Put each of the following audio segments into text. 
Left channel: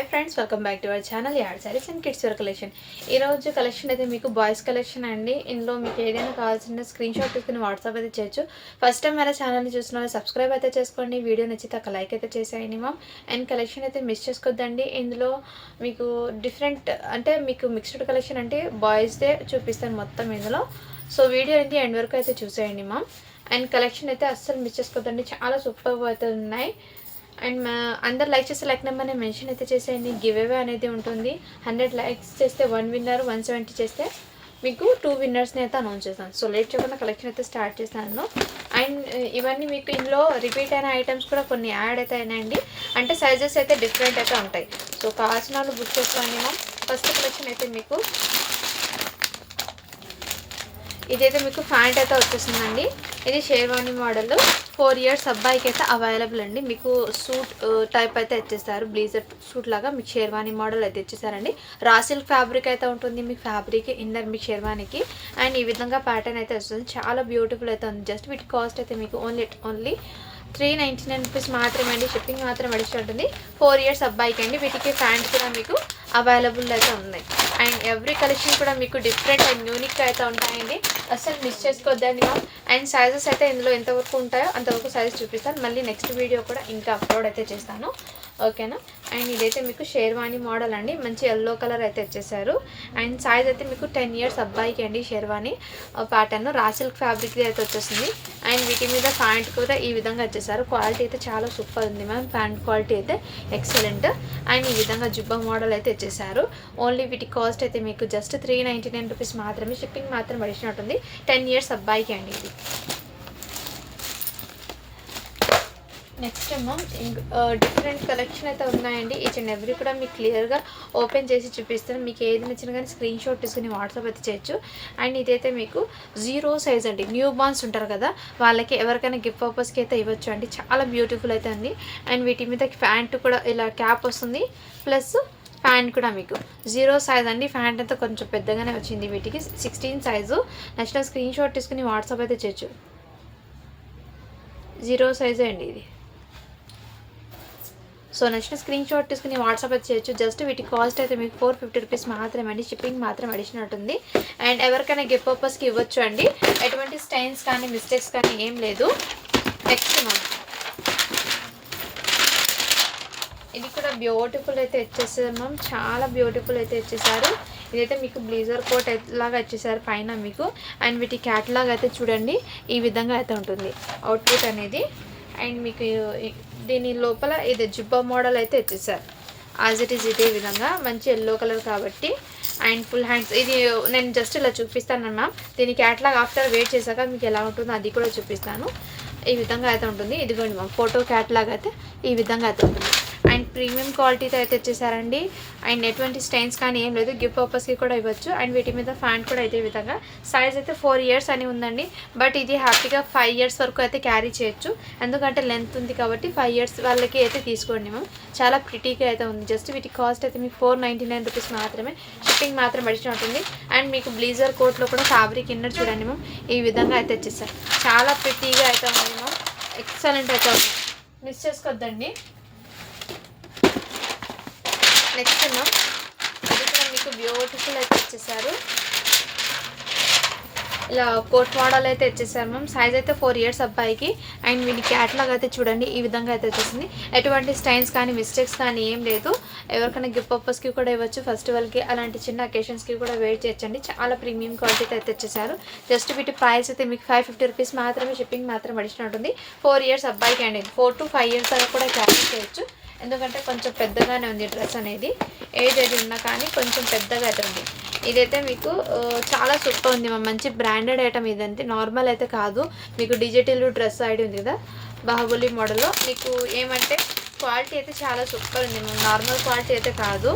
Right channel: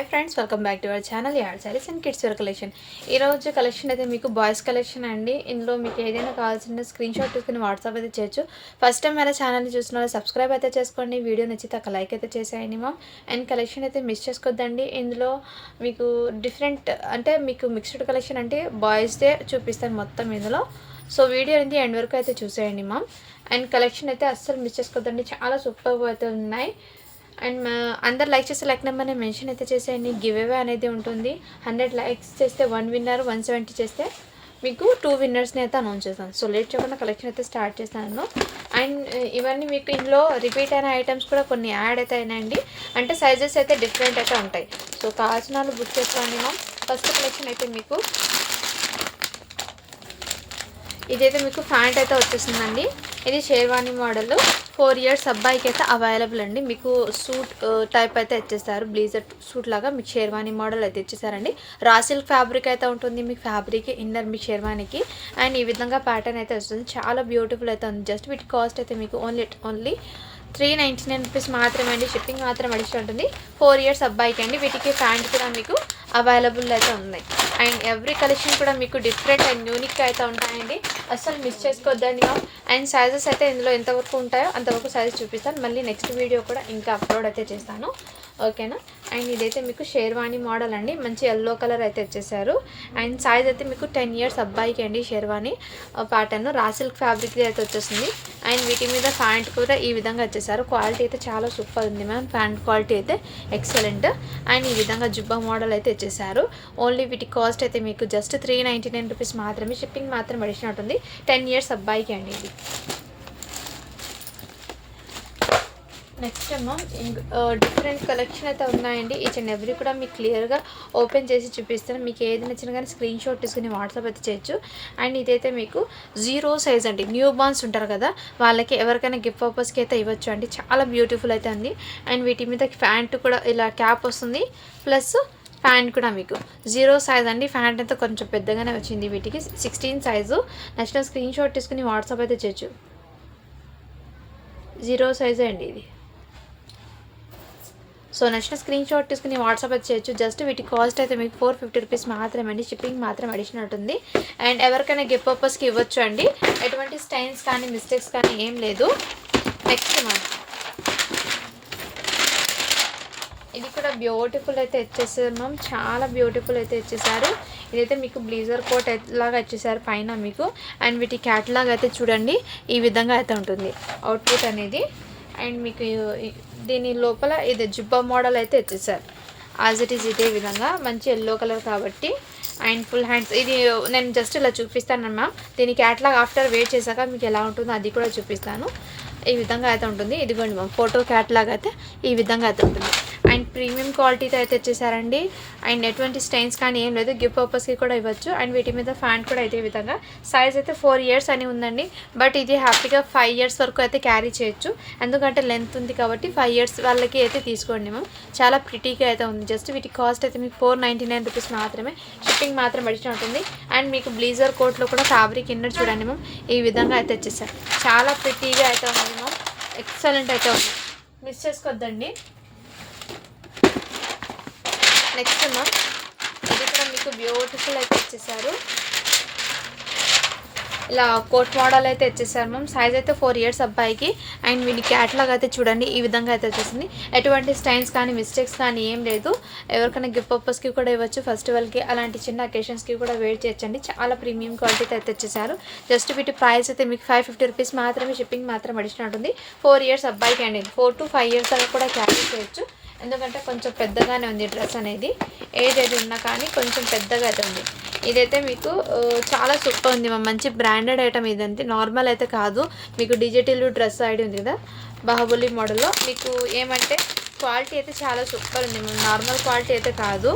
Hi friends, welcome back to our channel ad sarees and kids wear collection. ఈరోజు collection అయితే మీకు boys collection అండి. ఇందులో మీకు ఏదైనా కావాల్సిన స్క్రీన్ షాట్ తీసుకుని వాట్సాప్ అయితే చేయొచ్చు. ఫస్ట్ టైం మన ఛానల్ని చూసిన వాళ్ళు సబ్స్క్రైబ్ అయితే చేసుకోండి. వీడియో నచ్చితే ఒక లైక్ అయితే చేసేయండి మ్యామ్. అండ్ కలెక్షన్ అయితే మిస్ చేసుకోవద్దండి. ఇందులో మీకు డిఫరెంట్ అంటే మీకు మిక్స్డ్ కలెక్షన్ అంటే బాయ్స్దే చూపిస్తాను మొత్తం ఇందులో. సో వీడియో అనేది ఎండ్ వరకు అయితే చూసేయండి మ్యామ్. అండ్ కలెక్షన్ అయితే అస్సలు మిస్ చేసుకోవద్దండి, చాలా సూపర్ అయితే ఉన్నాయి. అండ్ అందరు లైక్ చేస్తే లైక్ నెంబర్ని మెన్షన్ అయితే చేసేయండి. గివ్ అవే అనేది ఉంటుంది. 100 లైక్స్ చేస్తే 1 విన్నర్, 170 చేస్తే మీకు 2 విన్నర్స్ని అయితే అనౌన్స్ చేస్తాను. సో లేట్ చేయకుండా కలెక్షన్ అయితే స్టార్ట్ చేస్తాను. అండ్ ఇవన్నీ మీకు ఇందులో రిపీట్ అయిన ఐటమ్స్ కూడా కొన్ని యాడ్ అయితే అయినాయండి. అంటే సైజెస్ అయితే డిఫరెంట్ అయితే ఉంటాయి. సో కావాల్సిన వాళ్ళు బుక్ చేసుకోండి మ్యామ్. ఫస్ట్ కలెక్షన్ అయితే మీకు ఇదైతే మీకు ప్యాంట్ అయితే వచ్చేసిందండి. ఇది షేర్వానీ మోడల్, 4 ఇయర్స్ అబ్బాయికి అయితే అవైలబుల్ అండి. మీకు సూట్ టైప్ అయితే ఇచ్చేస్తారు, బ్లేజర్ సూట్ లాగా మీకు షేర్వానీ మోడల్ అయితే ఇచ్చేసారండి. రా సిల్క్ ఫ్యాబ్రిక్ అయితే ఉంటుంది మీకు ఫ్యాబ్రిక్ ఇన్నర్ మీకు షేర్వానీకి. అండ్ ఈ విధంగా ప్యాటర్న్ అయితే వస్తుంది, చాలా బ్యూటిఫుల్ అయితే ఉంది. జస్ట్ వీటి కాస్ట్ అయితే మీకు ఓన్లీ 399 రూపీస్ మాత్రమే అండి. షిప్పింగ్ మాత్రం అడిషన్ ఉంటుంది. 4 ఇయర్స్ అబ్బాయికి అండి. వీటికి ప్యాంట్ కూడా మీకు అవైలబుల్ అయితే ఉన్నాయి. అండ్ ఎవ్రీ కలెక్షన్ కూడా మీకు డిఫరెంట్ అండ్ యూనిక్ అయితే ఉంటాయండి, అస్సలు మిస్ చేసుకోవద్దండి. అండ్ సైజెస్ అయితే ఇందులో ఎంతవరకు ఉంటాయో అంతవరకు సైజ్ చూపిస్తాను. మళ్ళీ నెక్స్ట్ వీడియో కూడా ఇంకా అప్లోడ్ అయితే చేస్తాను, ఓకేనా. అండ్ ఇదైతే మీకు షేర్వానీ మోడల్ అండి, మంచి ఎల్లో కలర్ అయితే ఇచ్చేసారు. అండ్ సైజ్ అయితే మీకు 10 ఇయర్స్ అబ్బాయికి అండి. షేర్వానీ ప్యాటర్న్ రా సిల్క్ ఫ్యాబ్రిక్ అయితే వచ్చేసింది. అండ్ వీటి మీద ప్యాంట్ కూడా ఈ విధంగా వచ్చేసారు. క్వాలిటీ అయితే చాలా సూపర్ ఉంది మ్యామ్, ప్యాంట్ క్వాలిటీ అయితే ఎక్సలెంట్. అండ్ ఈ విధంగా జుబ్బా మోడల్ అయితే ఇచ్చేసారు. ఓన్లీ వీటి కాస్ట్ అయితే మీకు జస్ట్ 399 రూపీస్ మాత్రమే. షిప్పింగ్ మాత్రం అడిషనల్ ఉంటుంది. 10 ఇయర్స్ అబ్బాయికి అండి ఇది. నెక్స్ట్ మ్యామ్ డిఫరెంట్ కలెక్షన్ అయితే ఉన్నాయండి. ఈచ్ అండ్ ఎవ్రీ కూడా మీకు క్లియర్గా ఓపెన్ చేసి చూపిస్తాను. మీకు ఏది నచ్చినా కానీ స్క్రీన్ షాట్ తీసుకుని వాట్సాప్ అయితే చేయొచ్చు. అండ్ ఇదైతే మీకు 0 సైజ్ అండి. న్యూ బార్న్స్ ఉంటారు కదా, వాళ్ళకి ఎవరికైనా గిఫ్ట్ పర్పస్కి అయితే ఇవ్వచ్చు అండి. చాలా బ్యూటిఫుల్ అయితే ఉంది. అండ్ వీటి మీద ప్యాంట్ కూడా ఇలా క్యాప్ వస్తుంది, ప్లస్ ప్యాంట్ కూడా మీకు 0 సైజ్ అండి. ప్యాంట్ అయితే కొంచెం పెద్దగానే వచ్చింది. వీటికి 16 సైజు. నచ్చిన స్క్రీన్ షాట్ తీసుకుని వాట్సాప్ అయితే చేయొచ్చు. 0 సైజే అండి ఇది. సో నచ్చిన స్క్రీన్ షాట్ తీసుకుని వాట్సాప్ అయితే చేయొచ్చు. జస్ట్ వీటి కాస్ట్ అయితే మీకు 450 రూపీస్ మాత్రమే అండి. షిప్పింగ్ మాత్రం అడిషనల్ ఉంటుంది. అండ్ ఎవరికైనా గిఫ్ట్ పర్పస్కి ఇవ్వచ్చు అండి. ఎటువంటి స్టైన్స్ కానీ మిస్టేక్స్ కానీ ఏం లేదు. నెక్స్ట్ మ్యామ్ ఇది కూడా బ్యూటిఫుల్ అయితే ఇచ్చేసారు మ్యామ్, చాలా బ్యూటిఫుల్ అయితే ఇచ్చేసారు. ఇదైతే మీకు బ్లేజర్ కోట్ లాగా ఇచ్చేసారు పైన మీకు. అండ్ వీటి క్యాట్లాగ్ అయితే చూడండి ఈ విధంగా అయితే ఉంటుంది అవుట్ఫిట్ అనేది. అండ్ మీకు దీని లోపల ఇది జుబ్బా మోడల్ అయితే ఇచ్చేసారు. యాజ్ ఇట్ ఈజ్ ఇదే విధంగా మంచి ఎల్లో కలర్ కాబట్టి. అండ్ ఫుల్ హ్యాండ్స్ ఇది నేను జస్ట్ ఇలా చూపిస్తాను మ్యామ్. దీని క్యాట్లాగ్ ఆఫ్టర్ వెయిట్ చేశాక మీకు ఎలా ఉంటుందో అది కూడా చూపిస్తాను. ఈ విధంగా అయితే ఉంటుంది. ఇదిగోండి మ్యామ్, ఫోటో క్యాట్లాగ్ అయితే ఈ విధంగా అయితే ఉంటుంది. అండ్ ప్రీమియం క్వాలిటీతో అయితే వచ్చేసారండి. అండ్ ఎటువంటి స్టైన్స్ కానీ ఏం లేదు, గిఫ్ట్ పర్పస్కి కూడా ఇవ్వచ్చు. అండ్ వీటి మీద ఫ్యాంట్ కూడా ఇదే విధంగా. సైజ్ అయితే 4 ఇయర్స్ అని ఉందండి. బట్ ఇది హ్యాపీగా 5 ఇయర్స్ వరకు అయితే క్యారీ చేయొచ్చు, ఎందుకంటే లెంత్ ఉంది కాబట్టి. 5 ఇయర్స్ వాళ్ళకి అయితే తీసుకోండి మ్యామ్. చాలా ప్రిటీగా అయితే ఉంది. జస్ట్ వీటి కాస్ట్ అయితే మీకు 499 రూపీస్ మాత్రమే. షిప్పింగ్ మాత్రం అడిషనల్ ఉంటుంది. అండ్ మీకు బ్లేజర్ కోట్లో కూడా ఫ్యాబ్రిక్ ఇన్నర్ చూడండి మ్యామ్, ఈ విధంగా అయితే వచ్చేసారు. చాలా ప్రిటీగా అయితే ఉంది మ్యామ్, ఎక్సలెంట్ అయితే ఉంది, మిస్ చేసుకోవద్దండి. నెక్స్ట్ మ్యామ్ ఇది కూడా మీకు బ్యూటిఫుల్ అయితే ఇచ్చేసారు. ఇలా కోట్ మోడల్ అయితే ఇచ్చేసారు మ్యామ్. సైజ్ అయితే 4 ఇయర్స్ అబ్బాయికి. అండ్ వీడి క్యాట్లాగ్ అయితే చూడండి ఈ విధంగా అయితే వచ్చేసింది. ఎటువంటి స్టైన్స్ కానీ మిస్టేక్స్ కానీ ఏం లేదు. ఎవరికైనా గిఫ్ట్ పర్పస్కి కూడా ఇవ్వచ్చు, ఫెస్టివల్కి అలాంటి చిన్న అకేషన్స్కి కూడా వేర్ చేయొచ్చండి. చాలా ప్రీమియం క్వాలిటీతో అయితే వచ్చేసారు. జస్ట్ వీటి ప్రైస్ అయితే మీకు 550 రూపీస్ మాత్రమే. షిప్పింగ్ మాత్రం అడిషనల్ ఉంటుంది. 4 ఇయర్స్ అబ్బాయికి అండి. 4 to 5 ఇయర్స్ దాకా కూడా క్యారీ చేయొచ్చు, ఎందుకంటే కొంచెం పెద్దగానే ఉంది డ్రెస్ అనేది. ఏజ్ ఏది ఉన్నా కానీ కొంచెం పెద్దగా అయితే ఉంది. ఇదైతే మీకు చాలా సూపర్ ఉంది, మంచి బ్రాండెడ్ ఐటమ్. ఇదంటే నార్మల్ అయితే కాదు. మీకు డిజిటల్ డ్రెస్ ఐడి ఉంది కదా, బాహుబలి మోడల్లో. మీకు ఏమంటే క్వాలిటీ అయితే చాలా సూపర్ ఉంది, నార్మల్ క్వాలిటీ అయితే కాదు.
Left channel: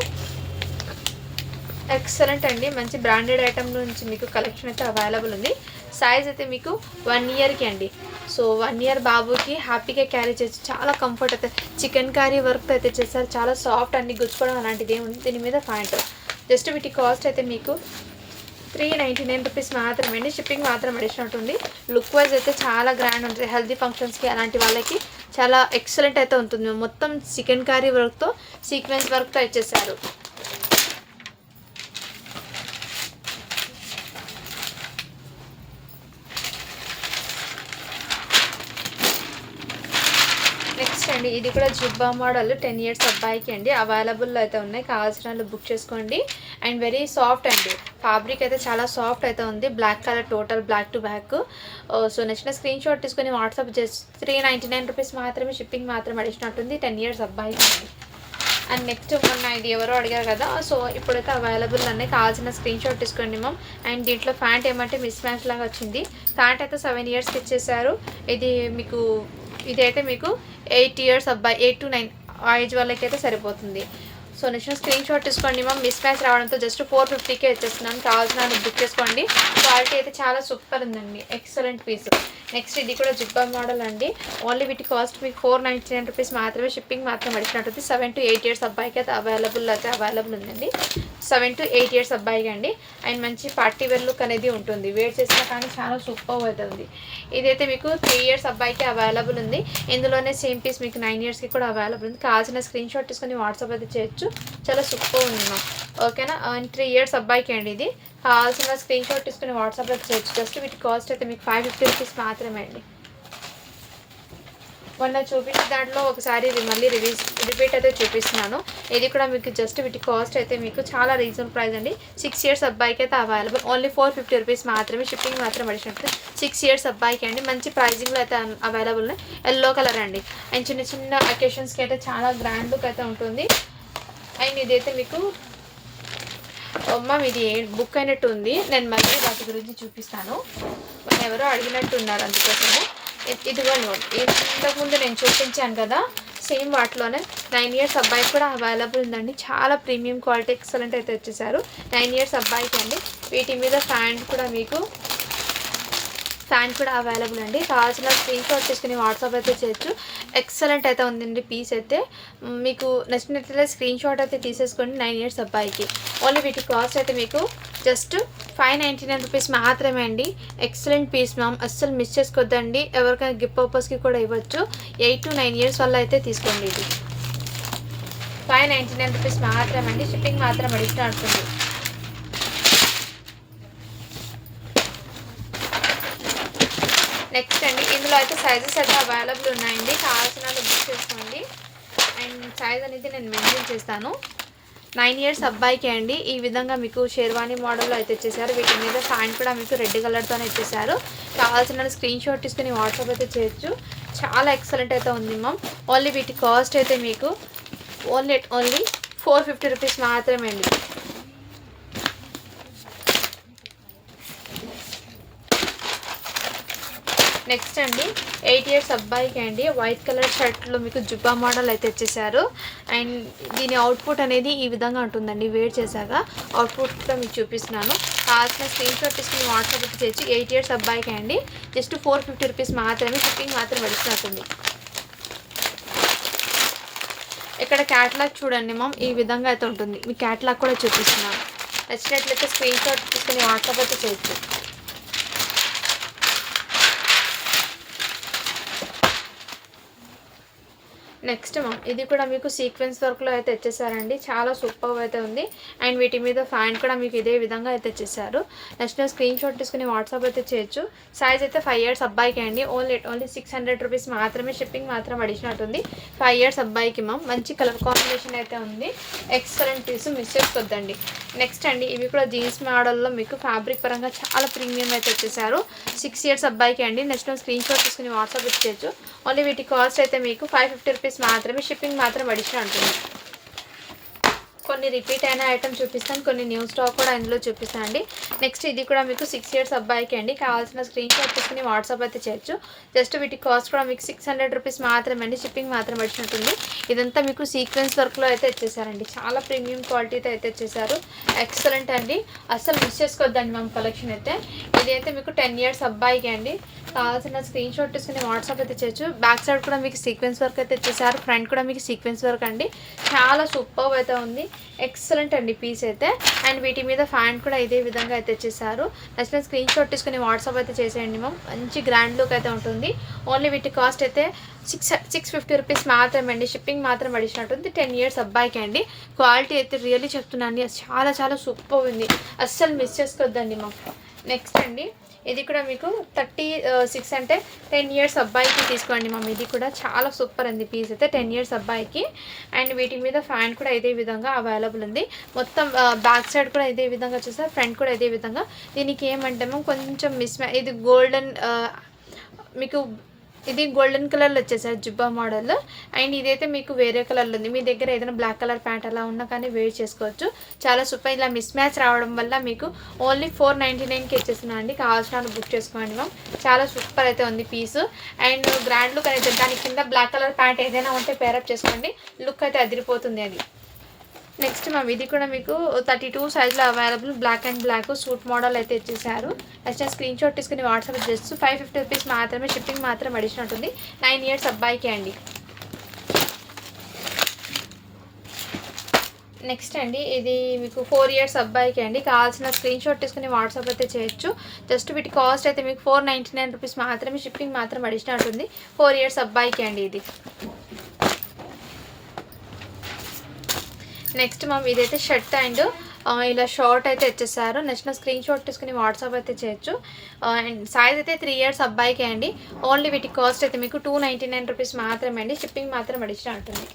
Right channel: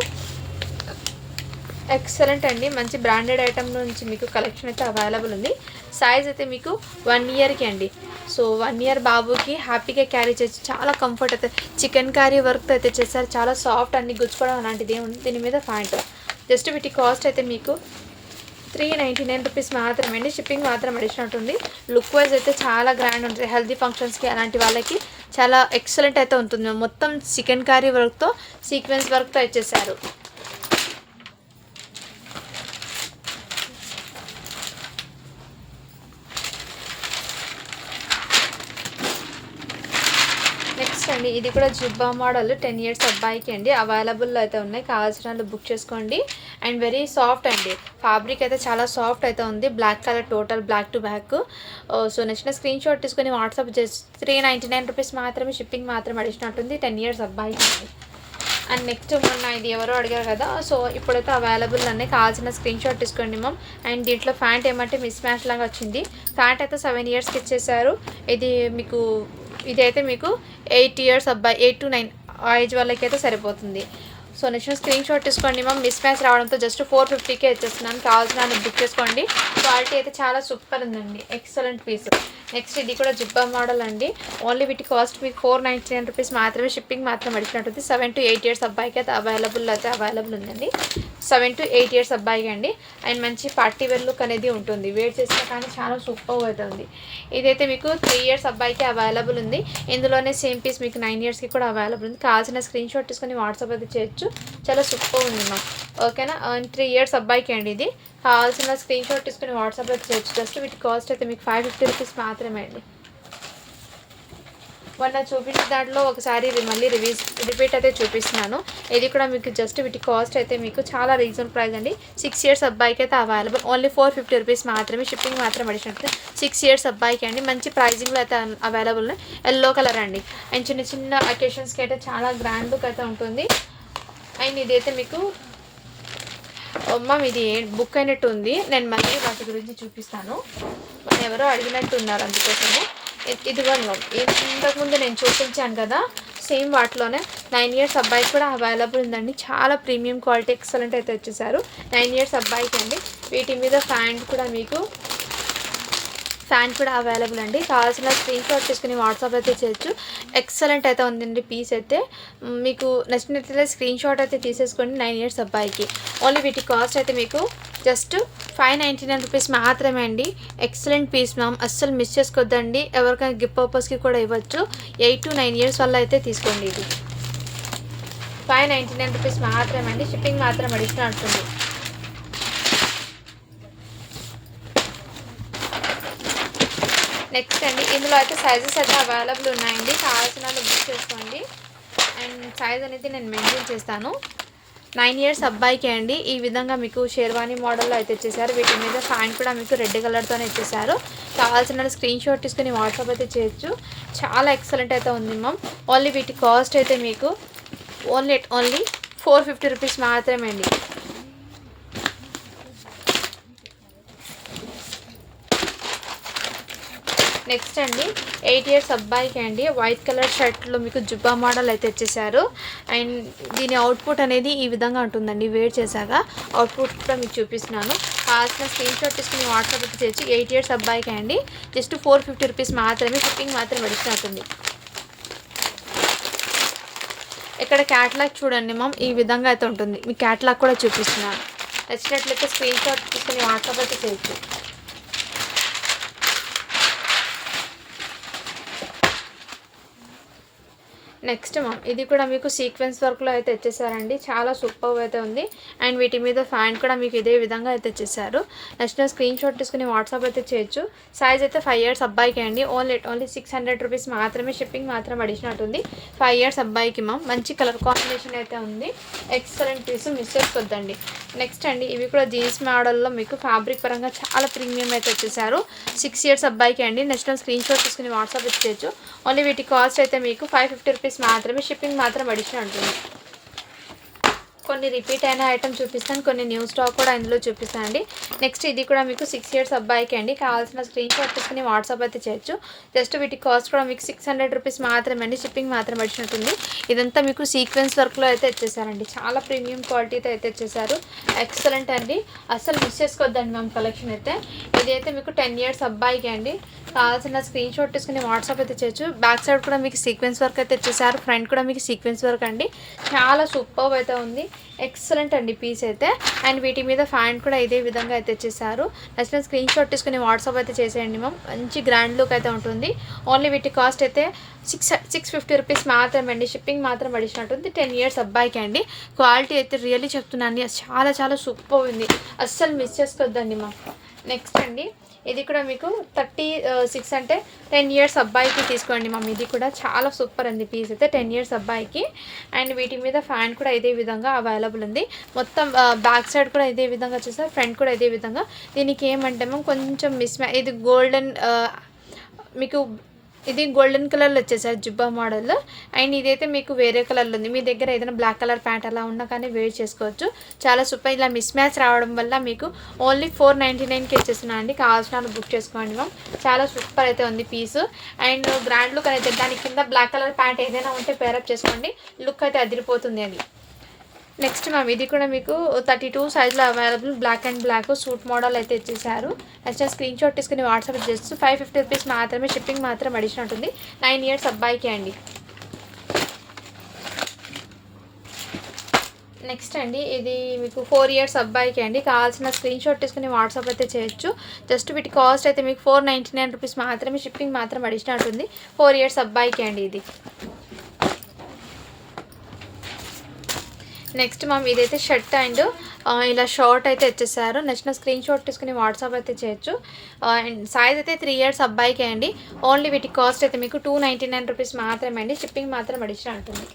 ఎక్సలెంట్ అండి, మంచి బ్రాండెడ్ ఐటమ్ నుంచి మీకు కలెక్షన్ అయితే అవైలబుల్ ఉంది. సైజ్ అయితే మీకు 1 ఇయర్కి అండి. సో 1 ఇయర్ బాబుకి హ్యాపీగా క్యారీ చేయొచ్చు. చాలా కంఫర్ట్ అయితే చికెన్ కర్రీ వర్క్ అయితే చేస్తారు. చాలా సాఫ్ట్ అండి, గుచ్చుకోవడం అలాంటిది ఏముంది. దీని మీద ప్యాంట్ జస్ట్ వీటి కాస్ట్ అయితే మీకు 399 రూపీస్ మాత్రమే అండి. షిప్పింగ్ మాత్రం అడిషనల్ ఉంటుంది. లుక్ వైజ్ అయితే చాలా గ్రాండ్ ఉంటుంది. హెల్దీ ఫంక్షన్స్కి అలాంటి వాళ్ళకి చాలా ఎక్సలెంట్ అయితే ఉంటుంది. మొత్తం చికెన్ కర్రీ వర్క్తో సీక్వెన్స్ వర్క్తో ఇచ్చేసారు. నెక్స్ట్ అండి ఇది కూడా జుబ్బా మోడల్ 10 ఇయర్స్ అబ్బాయికి అండి అవైలబుల్ అయితే ఉన్నాయి. కావాల్సిన వాళ్ళు బుక్ చేసుకోండి. అండ్ వెరీ సాఫ్ట్ అండి, ఫ్యాబ్రిక్ అయితే చాలా సాఫ్ట్ అయితే ఉంది. Black colour total black to back. So నచ్చిన స్క్రీన్ షాట్ తీసుకొని వాట్సాప్ జస్ట్ 399 రూపీస్ మాత్రమే, షిప్పింగ్ మాత్రం అడిగినట్టుంది. 10 ఇయర్స్ అబ్బాయికి అండి. అండ్ నెక్స్ట్ మొన్న ఇది ఎవరో అడిగారు కదా, సో ఇప్పుడైతే అవైలబుల్ అన్నీ కావాల్సిన స్క్రీన్ షాట్ తీసుకోండి మ్యామ్. అండ్ దీంట్లో ప్యాంట్ ఏమంటే మిస్ మ్యాచ్ లాగా వచ్చింది. ప్యాంట్ అయితే 7 ఇయర్స్కి ఇచ్చేసారు. ఇదైతే మీకు 8 ఇయర్స్ అబ్బాయి, 8 to 9 ఆ ఏజ్ వాళ్ళకైతే సరిపోతుంది. సో నచ్చిన స్క్రీన్ షాట్ తీసుకోండి మ్యామ్. మిస్ మ్యాచ్ రావడంతో జస్ట్ 450కే ఇచ్చేస్తున్నాను. కావాల్సిన బుక్ చేసుకోండి. క్వాలిటీ అయితే చాలా సూపర్ ఉందండి, ఎక్సలెంట్ పీస్. నెక్స్ట్ ఇది కూడా జుబ్బా మోడల్ అండి. ఓన్లీ వీటి కాస్ట్ మీకు 499 రూపీస్ మాత్రమే, షిప్పింగ్ మాత్రం అడిగినట్టుంది. 7 to 8 ఇయర్స్ అబ్బాయికి అయితే అవైలబుల్ ఉందండి. 7 to 8 ఇయర్స్ అబ్బాయికి అండి. అండ్ మంచి పార్టీ వేర్ లుక్ అనేది ఉంటుంది. వేర్ చేసినా కానీ చాలా సూపర్ అయితే ఉంది. ఇదైతే మీకు 3 ఇయర్స్ అబ్బాయికి అవైలబుల్ ఉంది. ఇందులోనే సేమ్ పీస్ మీకు 9 ఇయర్స్కి కూడా అవైలబుల్ ఉంది. కావాల్సిన స్క్రీన్ షాట్ తీసుకొని వాట్సాప్ అయితే చేయొచ్చు. చాలా సూపర్ ఉంది మ్యామ్. ఓకేనా. 3 ఇయర్స్ అబ్బాయికి అండి ఇది. కావాల్సిన స్క్రీన్ షాట్ తీసుకుని వాట్సాప్ అయితే చేయొచ్చు. జస్ట్ వీటి కాస్ట్ అయితే మీకు 550 రూపీస్ మాత్రమే అండి. మొన్న చూపించిన దాంట్లో ఒకసారి ఇది మళ్ళీ రిపీట్ అయితే చూపిస్తున్నాను. ఇది కూడా మీకు జస్ట్ వీటి కాస్ట్ అయితే మీకు చాలా రీజనబుల్ ప్రైస్ అండి. 6 ఇయర్స్ అబ్బాయికి అయితే అవైలబుల్. ఓన్లీ 450 రూపీస్ మాత్రమే, షిప్పింగ్ మాత్రం అడిగినట్టు. 6 ఇయర్స్ అబ్బాయికి అండి. మంచి ప్రైజింగ్లో అయితే అవైలబుల్. ఎల్లో కలర్ అండి. అండ్ చిన్న చిన్న అకేషన్స్కి అయితే చాలా గ్రాండ్ లుక్ అయితే ఉంటుంది. అండ్ ఇదైతే మీకు మ్యామ్ ఇది బుక్ అయినట్టు ఉంది. నేను మళ్ళీ వాటి గురించి చూపిస్తాను. ఎవరో అడిగినట్టు ఉన్నారు, అందుకోసమే. ఇదిగోండి మ్యామ్, ఇంతకుముందు నేను చూపించాను కదా, సేమ్ వాటిలోనే 9 ఇయర్స్ అబ్బాయికి కూడా అవైలబుల్ ఉందండి. చాలా ప్రీమియం క్వాలిటీ ఎక్సలెంట్ అయితే వచ్చేసారు. 9 ఇయర్స్ అబ్బాయికి అండి. వీటి మీద ఫ్యాంట్ కూడా అవైలబుల్ అండి. కావాల్సిన స్క్రీన్ షాట్ తీసుకుని వాట్సాప్ అయితే చేయొచ్చు. ఎక్సలెంట్ అయితే ఉందండి పీస్ అయితే. మీకు నచ్చినట్లయితే స్క్రీన్ షాట్ అయితే తీసేసుకోండి. 9 ఇయర్స్ అబ్బాయికి. ఓన్లీ వీటి కాస్ట్ అయితే మీకు జస్ట్ 599 రూపీస్ మాత్రమే అండి. ఎక్సలెంట్ పీస్ మ్యామ్, అస్సలు మిస్ చేసుకోవద్దండి. ఎవరికైనా గిఫ్ట్ పర్పస్కి కూడా ఇవ్వచ్చు. 8 to 9 ఇయర్స్ వల్ల అయితే తీసుకోండి. ఇది 599 రూపీస్ మాత్రమే అండి, షిప్పింగ్ మాత్రం అడిగిన ఉంటుంది. నెక్స్ట్ అండి ఇందులో అయితే సైజెస్ అయితే అవైలబుల్ ఉన్నాయండి. కావాల్సిన బుక్ చేసుకోండి. అండ్ సైజ్ అనేది నేను మెన్షన్ చేస్తాను. 9 ఇయర్స్ అబ్బాయికి అండి. ఈ విధంగా మీకు షేర్వానీ మోడల్లో అయితే ఇచ్చేసారు. వీటి మీద ఫ్యాంట్ కూడా మీకు రెడ్ కలర్తోనే ఇచ్చేసారు. కావాల్సిన స్క్రీన్ షాట్ తీసుకుని వాట్సాప్ అయితే చేయొచ్చు. చాలా ఎక్సలెంట్ అయితే ఉంది మ్యామ్. ఓన్లీ వీటి కాస్ట్ అయితే మీకు ఓన్లీ 450 రూపీస్ మాత్రమే అండి. నెక్స్ట్ అండి 8 ఇయర్స్ అబ్బాయికి అండి. వైట్ కలర్ షర్ట్లో మీకు జుబ్బా మోడల్ అయితే ఇచ్చేసారు. అండ్ దీని అవుట్పుట్ అనేది ఈ విధంగా ఉంటుందండి. వేర్ చేశాక అవుట్పుట్ కూడా మీకు చూపిస్తున్నాను. కావాల్సిన స్క్రీన్ షాట్ తీసుకుని వాట్సాప్ అయితే చేయొచ్చు. 8 ఇయర్స్ అబ్బాయికి అండి. జస్ట్ 450 రూపీస్ మాత్రమే, షిప్పింగ్ మాత్రం నడుస్తున్నట్టుంది. ఇక్కడ క్యాటలాగ్ చూడండి మ్యామ్, ఈ విధంగా అయితే ఉంటుంది. మీ క్యాటలాగ్ కూడా చూపిస్తున్నాను. నచ్చినట్లయితే స్క్రీన్ షాట్ తీసుకుని వాట్సాప్ అయితే చేయొచ్చు. నెక్స్ట్ మ్యామ్ ఇది కూడా మీకు సీక్వెన్స్ వర్క్లో అయితే ఇచ్చేసారండి. చాలా సూపర్ అయితే ఉంది. అండ్ వీటి మీద ఫ్యాంట్ కూడా మీకు ఇదే విధంగా అయితే ఇచ్చేసారు. నెక్స్ట్ స్క్రీన్ షాట్ తీసుకుని వాట్సాప్ అయితే చేయొచ్చు. సైజ్ అయితే 5 ఇయర్స్ అబ్బాయికి అండి. ఓన్లీ 600 రూపీస్ మాత్రమే, షిప్పింగ్ మాత్రం అడిషనల్ ఉంది. 5 ఇయర్స్ అబ్బాయికి మ్యామ్. మంచి కలర్ కాంబినేషన్ అయితే ఉంది. ఎక్సలెంట్ పీస్, మిస్ చేసుకోవద్దండి. నెక్స్ట్ అండి ఇవి కూడా జీన్స్ మోడల్లో మీకు ఫ్యాబ్రిక్ పరంగా చాలా ప్రీమియం అయితే వచ్చేసారు. 6 ఇయర్స్ అబ్బాయికి అండి. నెక్స్ట్ స్క్రీన్ షాట్ తీసుకుని వాట్సాప్ ఇచ్చేయచ్చు. ఓన్లీ వీటి కాస్ట్ అయితే మీకు 550 రూపీస్ మాత్రమే, షిప్పింగ్ మాత్రం అడిషనల్ ఉంటుంది. కొన్ని రిపీట్ అయిన ఐటమ్ చూపిస్తాను, కొన్ని న్యూ స్టాక్ కూడా ఇందులో చూపిస్తాను అండి. నెక్స్ట్ ఇది కూడా మీకు 6 ఇయర్స్ అబ్బాయికి అండి. కావాల్సిన స్క్రీన్ షాట్ తీసుకుని వాట్సాప్ అయితే చేయొచ్చు. జస్ట్ వీటి కాస్ట్ కూడా మీకు 600 రూపీస్ మాత్రమే అండి, షిప్పింగ్ మాత్రం వచ్చినట్టుంది. ఇదంతా మీకు సీక్వెన్స్ వర్క్లో అయితే ఇచ్చేసారండి. చాలా ప్రీమియం క్వాలిటీతో అయితే ఇచ్చేసారు. ఎక్సలెంట్ అండి, అస్సలు మిస్ చేసుకోవద్దండి మ్యామ్ కలెక్షన్ అయితే. ఇదైతే మీకు 10 ఇయర్స్ అబ్బాయికి అండి. కావాల్సిన స్క్రీన్ షాట్ తీసుకుని వాట్సాప్ అయితే చేయొచ్చు. బ్యాక్ సైడ్ కూడా మీకు సీక్వెన్స్ వర్క్ అయితే ఇచ్చేసారు. ఫ్రంట్ కూడా మీకు సీక్వెన్స్ వర్క్ అండి. చాలా సూపర్ అయితే ఉంది. ఎక్సలెంట్ అండి పీస్ అయితే. అండ్ వీటి మీద ఫ్యాంట్ కూడా ఇదే విధంగా అయితే వచ్చేసారు. నచ్చిన స్క్రీన్ షాట్ తీసుకుని వాట్సాప్ అయితే చేసేయండి మ్యామ్. మంచి గ్రాండ్ లుక్ అయితే ఉంటుంది. ఓన్లీ వీటి కాస్ట్ అయితే 650 రూపీస్ మాత్రమే అండి. షిప్పింగ్ మాత్రం అడిషనట్టుంది. 10 ఇయర్స్ అబ్బాయికి అండి. క్వాలిటీ అయితే రియల్లీ చెప్తున్నాను, చాలా చాలా సూపర్ ఉంది, అస్సలు మిస్ చేసుకోవద్దండి మ్యామ్. నెక్స్ట్ అండి ఇది కూడా మీకు 36 అంటే 10 ఇయర్స్ అబ్బాయికి తీసుకోండి మ్యామ్. ఇది కూడా చాలా సూపర్ అండి పీస్ అయితే 10 ఇయర్స్ అబ్బాయికి. అండ్ వీటి మీద ఫ్యాన్ కూడా ఇదే విధంగా అవైలబుల్ ఉంది. మొత్తం బ్యాక్ సైడ్ కూడా ఇదే విధంగా వచ్చేసారు, ఫ్రంట్ కూడా ఇదే విధంగా. దీనికి ఏమంటే మ్యామ్ కొంచెం ఇది గోల్డెన్ మీకు ఇది గోల్డెన్ కలర్లో వచ్చేసారు జిబ్బా మోడల్. అండ్ ఇదైతే మీకు వేరే కలర్లో ఉంది. మీ దగ్గర ఏదైనా బ్లాక్ కలర్ ప్యాంట్ అలా ఉన్నా కానీ వేర్ చేసుకోవచ్చు. చాలా సూపర్. ఇలా మిస్ మ్యాచ్ రావడం వల్ల మీకు ఓన్లీ 499కి వచ్చేస్తున్నాను అండి. కావాల్సిన బుక్ చేసుకోండి మ్యామ్. చాలా సూపర్ అయితే ఉంది పీసు. అండ్ బ్రాండ్ లుక్ అయితే దాని కింద బ్లాక్ కలర్ ప్యాంట్ ఏదైనా ఉంటే పేరప్ చేసుకోండి, లుక్ అయితే అదిరిపోతుంది అది. నెక్స్ట్ మ్యామ్ ఇది కూడా మీకు 32 సైజ్లో available, black and black suit model అయితే ఇచ్చేసారు. నెక్స్ట్ స్క్రీన్ షాట్ తీసుకుని వాట్సాప్ జస్ట్ 550 రూపీస్ మాత్రమే. షిప్పింగ్ మాత్రం అడిషనల్ ఉంటుంది. 9 ఇయర్స్ అబ్బాయికి అండి. నెక్స్ట్ అండి ఇది మీకు 4 ఇయర్స్ అబ్బాయికి అండి. కావాల్సిన స్క్రీన్ షాట్ తీసుకుని వాట్సాప్ అయితే చేయొచ్చు. జస్ట్ వీటి కాస్ట్ అయితే మీకు 499 రూపీస్ మాత్రమే. షిప్పింగ్ మాత్రం అడిషనల్ ఉంటుంది. 4 ఇయర్స్ అబ్బాయికి అండి ఇది. నెక్స్ట్ మ్యామ్ ఇదైతే షర్ట్ అండ్ ఇలా షార్ట్ అయితే ఇచ్చేసారు. నచ్చిన స్క్రీన్ షాట్ తీసుకుని వాట్సాప్ అయితే చేయొచ్చు. అండ్ సైజ్ అయితే 3 ఇయర్స్ అబ్బాయికి అండి. ఓన్లీ వీటి కాస్ట్ అయితే మీకు 299 రూపీస్ మాత్రమే అండి. షిప్పింగ్ మాత్రం అడిషనల్ ఉంటుంది.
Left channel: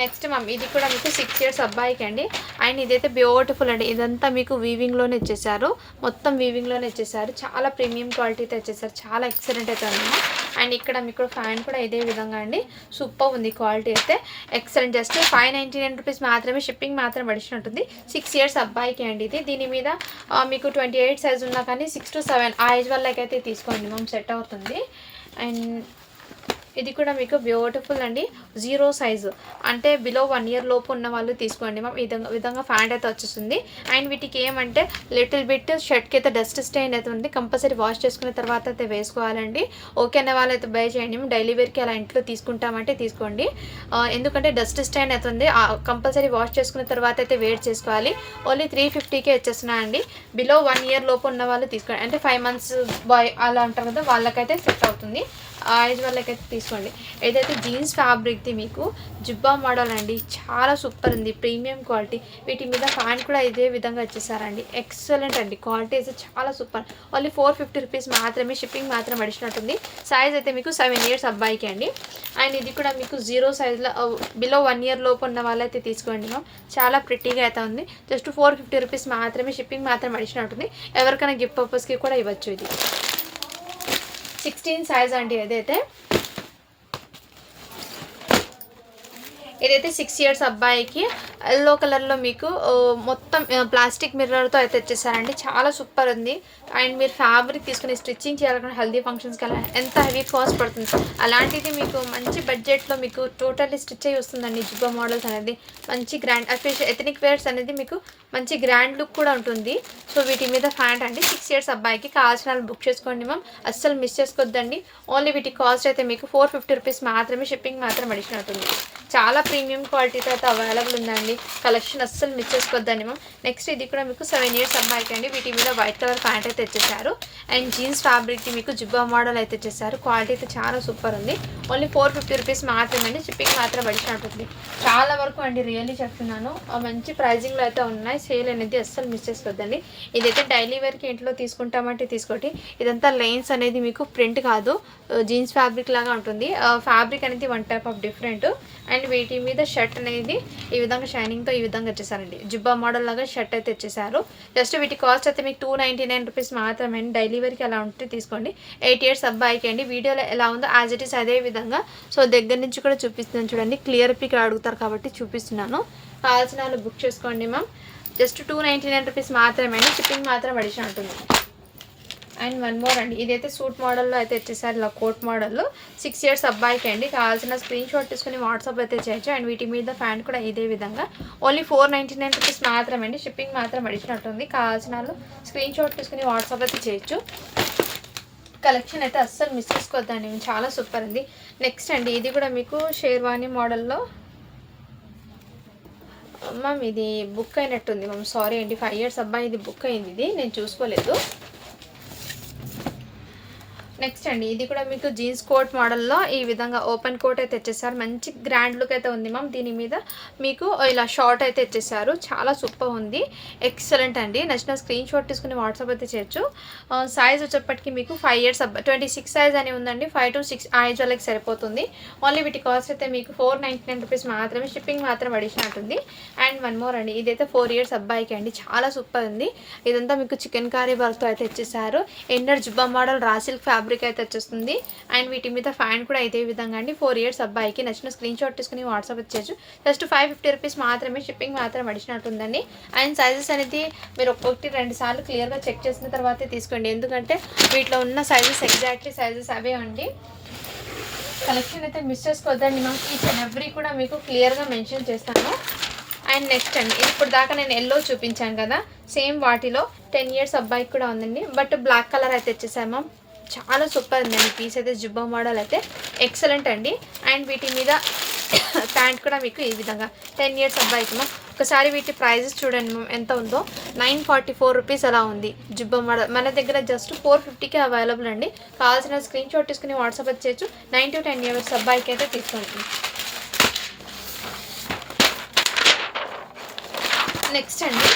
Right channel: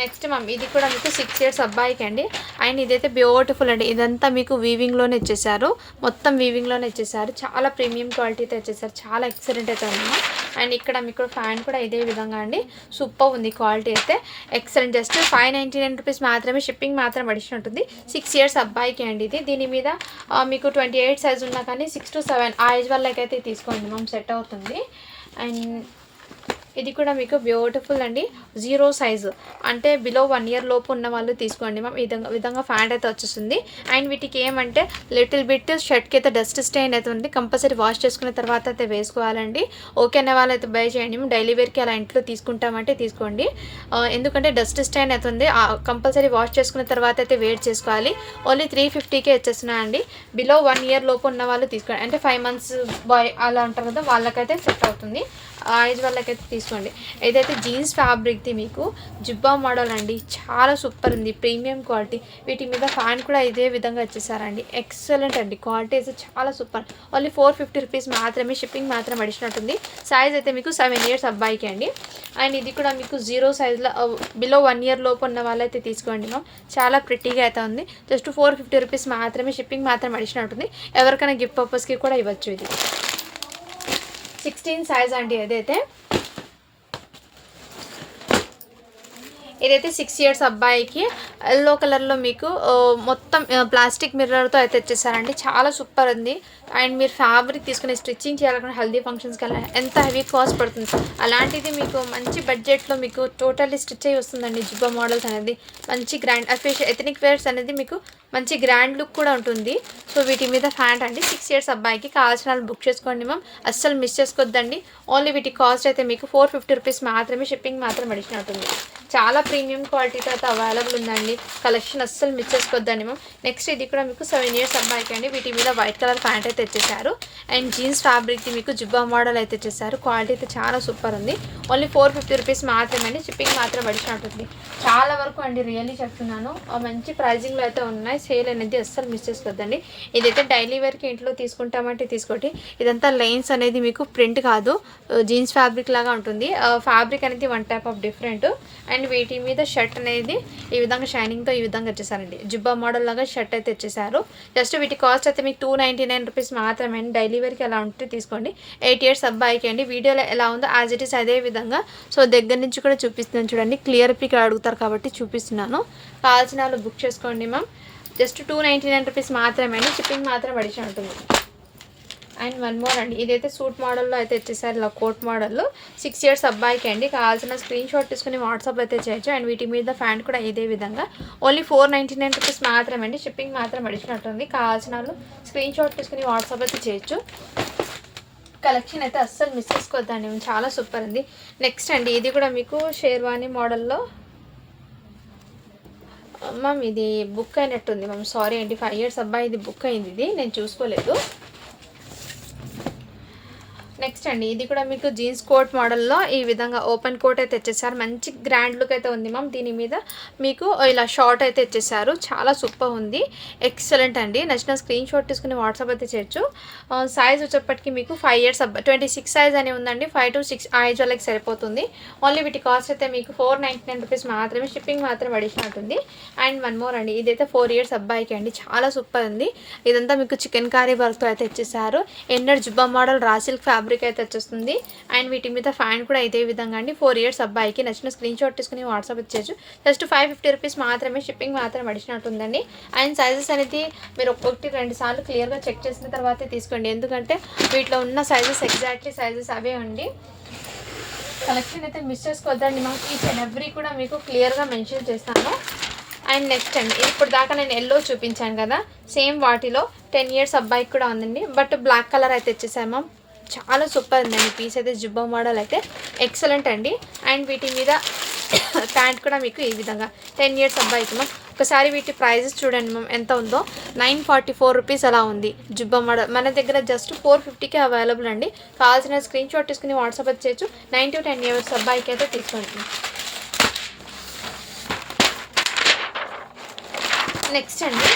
నెక్స్ట్ మ్యామ్ ఇది కూడా మీకు 6 ఇయర్స్ అబ్బాయికి అండి. అండ్ ఇదైతే బ్యూటిఫుల్ అండి. ఇదంతా మీకు వీవింగ్లోనే ఇచ్చేసారు, మొత్తం వీవింగ్లోనే ఇచ్చేసారు. చాలా ప్రీమియం క్వాలిటీతో ఇచ్చేసారు, చాలా ఎక్సలెంట్ అయితే ఉంది. అండ్ ఇక్కడ మీకు ఫ్యాన్ కూడా ఇదే విధంగా అండి. సూపర్ ఉంది క్వాలిటీ అయితే, ఎక్సలెంట్. జస్ట్ 599 రూపీస్ మాత్రమే. షిప్పింగ్ మాత్రం అడిషనల్ ఉంటుంది. 6 ఇయర్స్ అబ్బాయికి అండి ఇది. దీని మీద మీకు 28 సైజ్ ఉన్నా కానీ 6 to 7 ఆ ఏజ్ వాళ్ళకైతే తీసుకోండి మ్యామ్, సెట్ అవుతుంది. అండ్ ఇది కూడా మీకు బ్యూటిఫుల్ అండి. 0 సైజు అంటే బిలో 1 ఇయర్ లోపు ఉన్న వాళ్ళు తీసుకోండి మ్యామ్. ఈ విధంగా ఫ్యాంట్ అయితే వచ్చేస్తుంది. అండ్ వీటికి ఏమంటే లిటిల్ బిట్ షర్ట్కి అయితే డస్ట్ స్టెయిన్ అయితే ఉంది. కంపల్సరీ వాష్ చేసుకున్న తర్వాత అయితే వేసుకోవాలండి. ఓకే అనే వాళ్ళు అయితే బై చేయండి. మేము డైలీ వేర్కి అలా ఇంట్లో తీసుకుంటామంటే తీసుకోండి. ఎందుకంటే డస్ట్ స్టెయిన్ అవుతుంది, కంపల్సరీ వాష్ చేసుకున్న తర్వాత అయితే వేర్ చేసుకోవాలి. ఓన్లీ 350కే వచ్చేస్తున్నా అండి. బిలో 1 ఇయర్ లోపు ఉన్న వాళ్ళు తీసుకోండి. అంటే 5 months బాయ్ అలా ఉంటారు కదా, వాళ్ళకైతే సెట్ అవుతుంది. ఆ ఏజ్ వాళ్ళకైతే తీసుకోండి. ఏదైతే జీన్స్ ఫ్యాబ్రిక్ది మీకు జిబ్బా మోడల్ అండి, చాలా సూపర్ ఉంది, ప్రీమియం క్వాలిటీ. వీటి మీద ఫ్యాన్ కూడా ఇదే విధంగా వచ్చేసారండి. ఎక్సలెంట్ అండి, క్వాలిటీ అయితే చాలా సూపర్. ఓన్లీ 450 రూపీస్ మాత్రమే. షిప్పింగ్ మాత్రం అడిషనల్ ఉంది. సైజ్ అయితే మీకు 7 ఇయర్స్ అబ్బాయికి అండి. అండ్ ఇది కూడా మీకు 0 సైజ్లో బిలో 1 ఇయర్ లోపు ఉన్న వాళ్ళైతే తీసుకోండి మ్యామ్. చాలా ప్రిటీగా అయితే ఉంది. జస్ట్ 450 రూపీస్ మాత్రమే. షిప్పింగ్ మాత్రం అడిషనల్ ఉంటుంది. ఎవరికైనా గిఫ్ట్ పర్పస్కి కూడా ఇవ్వచ్చు. ఇది 16 సైజ్ అండి. ఇదైతే 6 ఇయర్స్ అబ్బాయికి. ఎల్లో కలర్లో మీకు మొత్తం ప్లాస్టిక్ మిర్రర్తో అయితే వచ్చేసారండి. చాలా సూపర్ ఉంది. అండ్ మీరు ఫ్యాబ్రిక్ తీసుకుని స్టిచ్చింగ్ చేయాలనుకున్న హల్దీ ఫంక్షన్స్కి అలా ఎంత హెవీ కాస్ట్ పడుతుంది, అలాంటిది మీకు మంచి బడ్జెట్లో మీకు టోటల్లీ స్టిచ్ అయ్యి వస్తుందండి. జిబ్బా మోడల్స్ అనేది మంచి గ్రాండ్ అఫీషియల్ ఎథనిక్ వేర్స్ అనేది మీకు మంచి గ్రాండ్ లుక్ కూడా ఉంటుంది. సో వీటి మీద ఫ్యాంట్ అండి. 6 ఇయర్స్ అబ్బాయికి. కావాల్సిన వాళ్ళు బుక్ చేసుకోండి మ్యామ్, అస్సలు మిస్ చేసుకోవద్దండి. ఓన్లీ వీటి కాస్ట్ అయితే మీకు 450 రూపీస్ మాత్రమే. షిప్పింగ్ మాత్రం అడిషనల్ అవుతుంది. చాలా ప్రీమియం క్వాలిటీతో అయితే అవైలబుల్ ఉందండి. కలెక్షన్ అస్సలు మిస్ చేసుకోవద్దండి మ్యామ్. నెక్స్ట్ ఇది కూడా మీకు 7 ఇయర్స్ అబ్బాయికి అండి. వీటి మీద వైట్ కలర్ ప్యాంట్ అయితే వచ్చేసారు. అండ్ జీన్స్ ఫ్యాబ్రిక్కి మీకు జిబ్బా మోడల్ అయితే వచ్చేసారు. క్వాలిటీ అయితే చాలా సూపర్ ఉంది. ఓన్లీ 450 రూపీస్ మాత్రమే అండి. షిప్పింగ్ మాత్రం అడిషనల్ ఉంటుంది. చాలా వరకు అండి రియల్లీ చెప్తున్నాను, మంచి ప్రైజింగ్లో అయితే ఉన్నాయి. సేల్ అనేది అస్సలు మిస్ చేసుకోవద్దండి. ఇదైతే డైలీ వేర్కి ఇంట్లో తీసుకుంటామంటే తీసుకోండి. ఇదంతా లైన్స్ అనేది మీకు ప్రింట్ కాదు, జీన్స్ ఫ్యాబ్రిక్ లాగా ఉంటుంది. ఫ్యాబ్రిక్ అనేది one type of different. And వీటి మీద షర్ట్ అనేది ఈ విధంగా షైనింగ్తో ఈ విధంగా వచ్చేసారండి. జిబ్బా మోడల్ లాగా షర్ట్ అయితే వచ్చేసారు. జస్ట్ వీటి కాస్ట్ అయితే మీకు 299 రూపీస్ మాత్రమే. డైలీ వేర్కి ఎలా ఉంటే తీసుకోండి. 8 ఇయర్స్ అబ్బాయికి అండి. వీడియోలో ఎలా ఉందో యాజ్ ఇట్ ఈస్ అదే విధంగా సో దగ్గర నుంచి కూడా చూపిస్తున్నాను చూడండి. క్లియర్ పిక్ అడుగుతారు కాబట్టి చూపిస్తున్నాను. కావాల్సిన వాళ్ళు బుక్ చేసుకోండి మ్యామ్. జస్ట్ 299 రూపీస్ మాత్రమే అండి. షిప్పింగ్ మాత్రం అడిషన్ ఉంటుంది. అండ్ వన్ మోర్ అండి. ఇదైతే సూట్ మోడల్లో అయితే వచ్చేసారు, ఇలా కోట్ మోడల్లో. 6 ఇయర్స్ అబ్బాయికి అండి. కావాల్సిన స్క్రీన్ షాట్ తీసుకుని వాట్సాప్ అయితే చేయొచ్చు. అండ్ వీటి మీద ఫ్యాంట్ కూడా ఇదే విధంగా. ఓన్లీ 499 రూపీస్ మాత్రమే అండి. షిప్పింగ్ మాత్రం అడిషనల్ ఉంది. కావాల్సిన వాళ్ళు స్క్రీన్ షాట్ తీసుకుని వాట్సాప్ అయితే చేయొచ్చు. కలెక్షన్ అయితే అస్సలు మిస్ చేసుకోవద్దండి, చాలా సూపర్ ఉంది. నెక్స్ట్ అండి ఇది కూడా మీకు షేర్వానీ మోడల్లో మ్యామ్ ఇది బుక్ అయినట్టుంది మ్యామ్, సారీ అండి. 5 ఇయర్స్ అబ్బాయి ఇది బుక్ అయింది, ఇది నేను చూసుకోలేదు. నెక్స్ట్ అండి, ఇది కూడా మీకు జీన్స్ కోట్ మోడల్లో ఈ విధంగా ఓపెన్ కోట్ అయితే ఇచ్చేసారు. మంచి గ్రాండ్ లుక్ అయితే ఉంది మ్యామ్. దీని మీద మీకు ఇలా షార్ట్ అయితే ఇచ్చేసారు. చాలా సూపర్ ఉంది, ఎక్సలెంట్ అండి. నచ్చిన స్క్రీన్ షాట్ తీసుకుని వాట్సాప్ అయితే చేయొచ్చు. సైజ్ వచ్చేప్పటికి మీకు 5 ఇయర్స్ 26 సైజ్ అని ఉందండి. 5 to 6 ఏజ్ వాళ్ళకి సరిపోతుంది. ఓన్లీ వీటి కాస్ట్ అయితే మీకు 499 రూపీస్ మాత్రమే, షిప్పింగ్ మాత్రం అడిషనల్ ఉంటుంది. అండ్ వన్ మోర్ అండి, ఇదైతే 4 ఇయర్స్ అబ్బాయికి అండి, చాలా సూపర్ ఉంది. ఇదంతా మీకు చికెన్ కర్రీ వర్క్తో అయితే ఇచ్చేసారు. ఎన్నర్ జుబ్బా మోడల్ రా సిల్క్ ఫ్యాబ్రిక్ అయితే వచ్చేస్తుంది. అండ్ వీటి మీద ఫ్యాన్ కూడా ఇదే విధంగా అండి. 4 ఇయర్స్ అబ్బాయికి. నచ్చిన స్క్రీన్ షాట్ తీసుకుని వాట్సాప్ ఇచ్చేయచ్చు. జస్ట్ 550 రూపీస్ మాత్రమే, షిప్పింగ్ మాత్రం అడిషనల్ ఉందండి. అండ్ సైజెస్ అనేది మీరు 1-2 సార్లు క్లియర్గా చెక్ చేసిన తర్వాతే తీసుకోండి, ఎందుకంటే వీటిలో ఉన్న సైజెస్ ఎగ్జాక్ట్లీ సైజెస్ అవే అండి. కలెక్షన్ అయితే మిస్ చేసుకోవద్దండి మ్యామ్. ఈచ్ అండ్ ఎవ్రీ కూడా మీకు క్లియర్గా మెన్షన్ చేస్తాను. అండ్ నెక్స్ట్ అండి, ఇప్పుడు దాకా నేను ఎల్లో చూపించాను కదా, సేమ్ వాటిలో 10 ఇయర్స్ అబ్బాయికి కూడా ఉందండి. బట్ బ్లాక్ కలర్ అయితే వచ్చేసాను మ్యామ్. చాలా సూపర్ ఉందండి పీస్ అయితే. జుబ్బా మోడల్ అయితే ఎక్సలెంట్ అండి. అండ్ వీటి మీద ప్యాంట్ కూడా మీకు ఈ విధంగా 10 ఇయర్స్ అబ్బాయికి మ్యామ్. ఒకసారి వీటి ప్రైజెస్ చూడండి మ్యామ్ ఎంత ఉందో. 944 రూపీస్ అలా ఉంది జుబ్బా మోడల్. మన దగ్గర జస్ట్ 450కే అవైలబుల్ అండి. కావాల్సిన స్క్రీన్ షాట్ తీసుకుని వాట్సాప్ వచ్చేయచ్చు. 9 to 10 ఇయర్స్ అబ్బాయికి అయితే తీసుకోండి. నెక్స్ట్ అండి,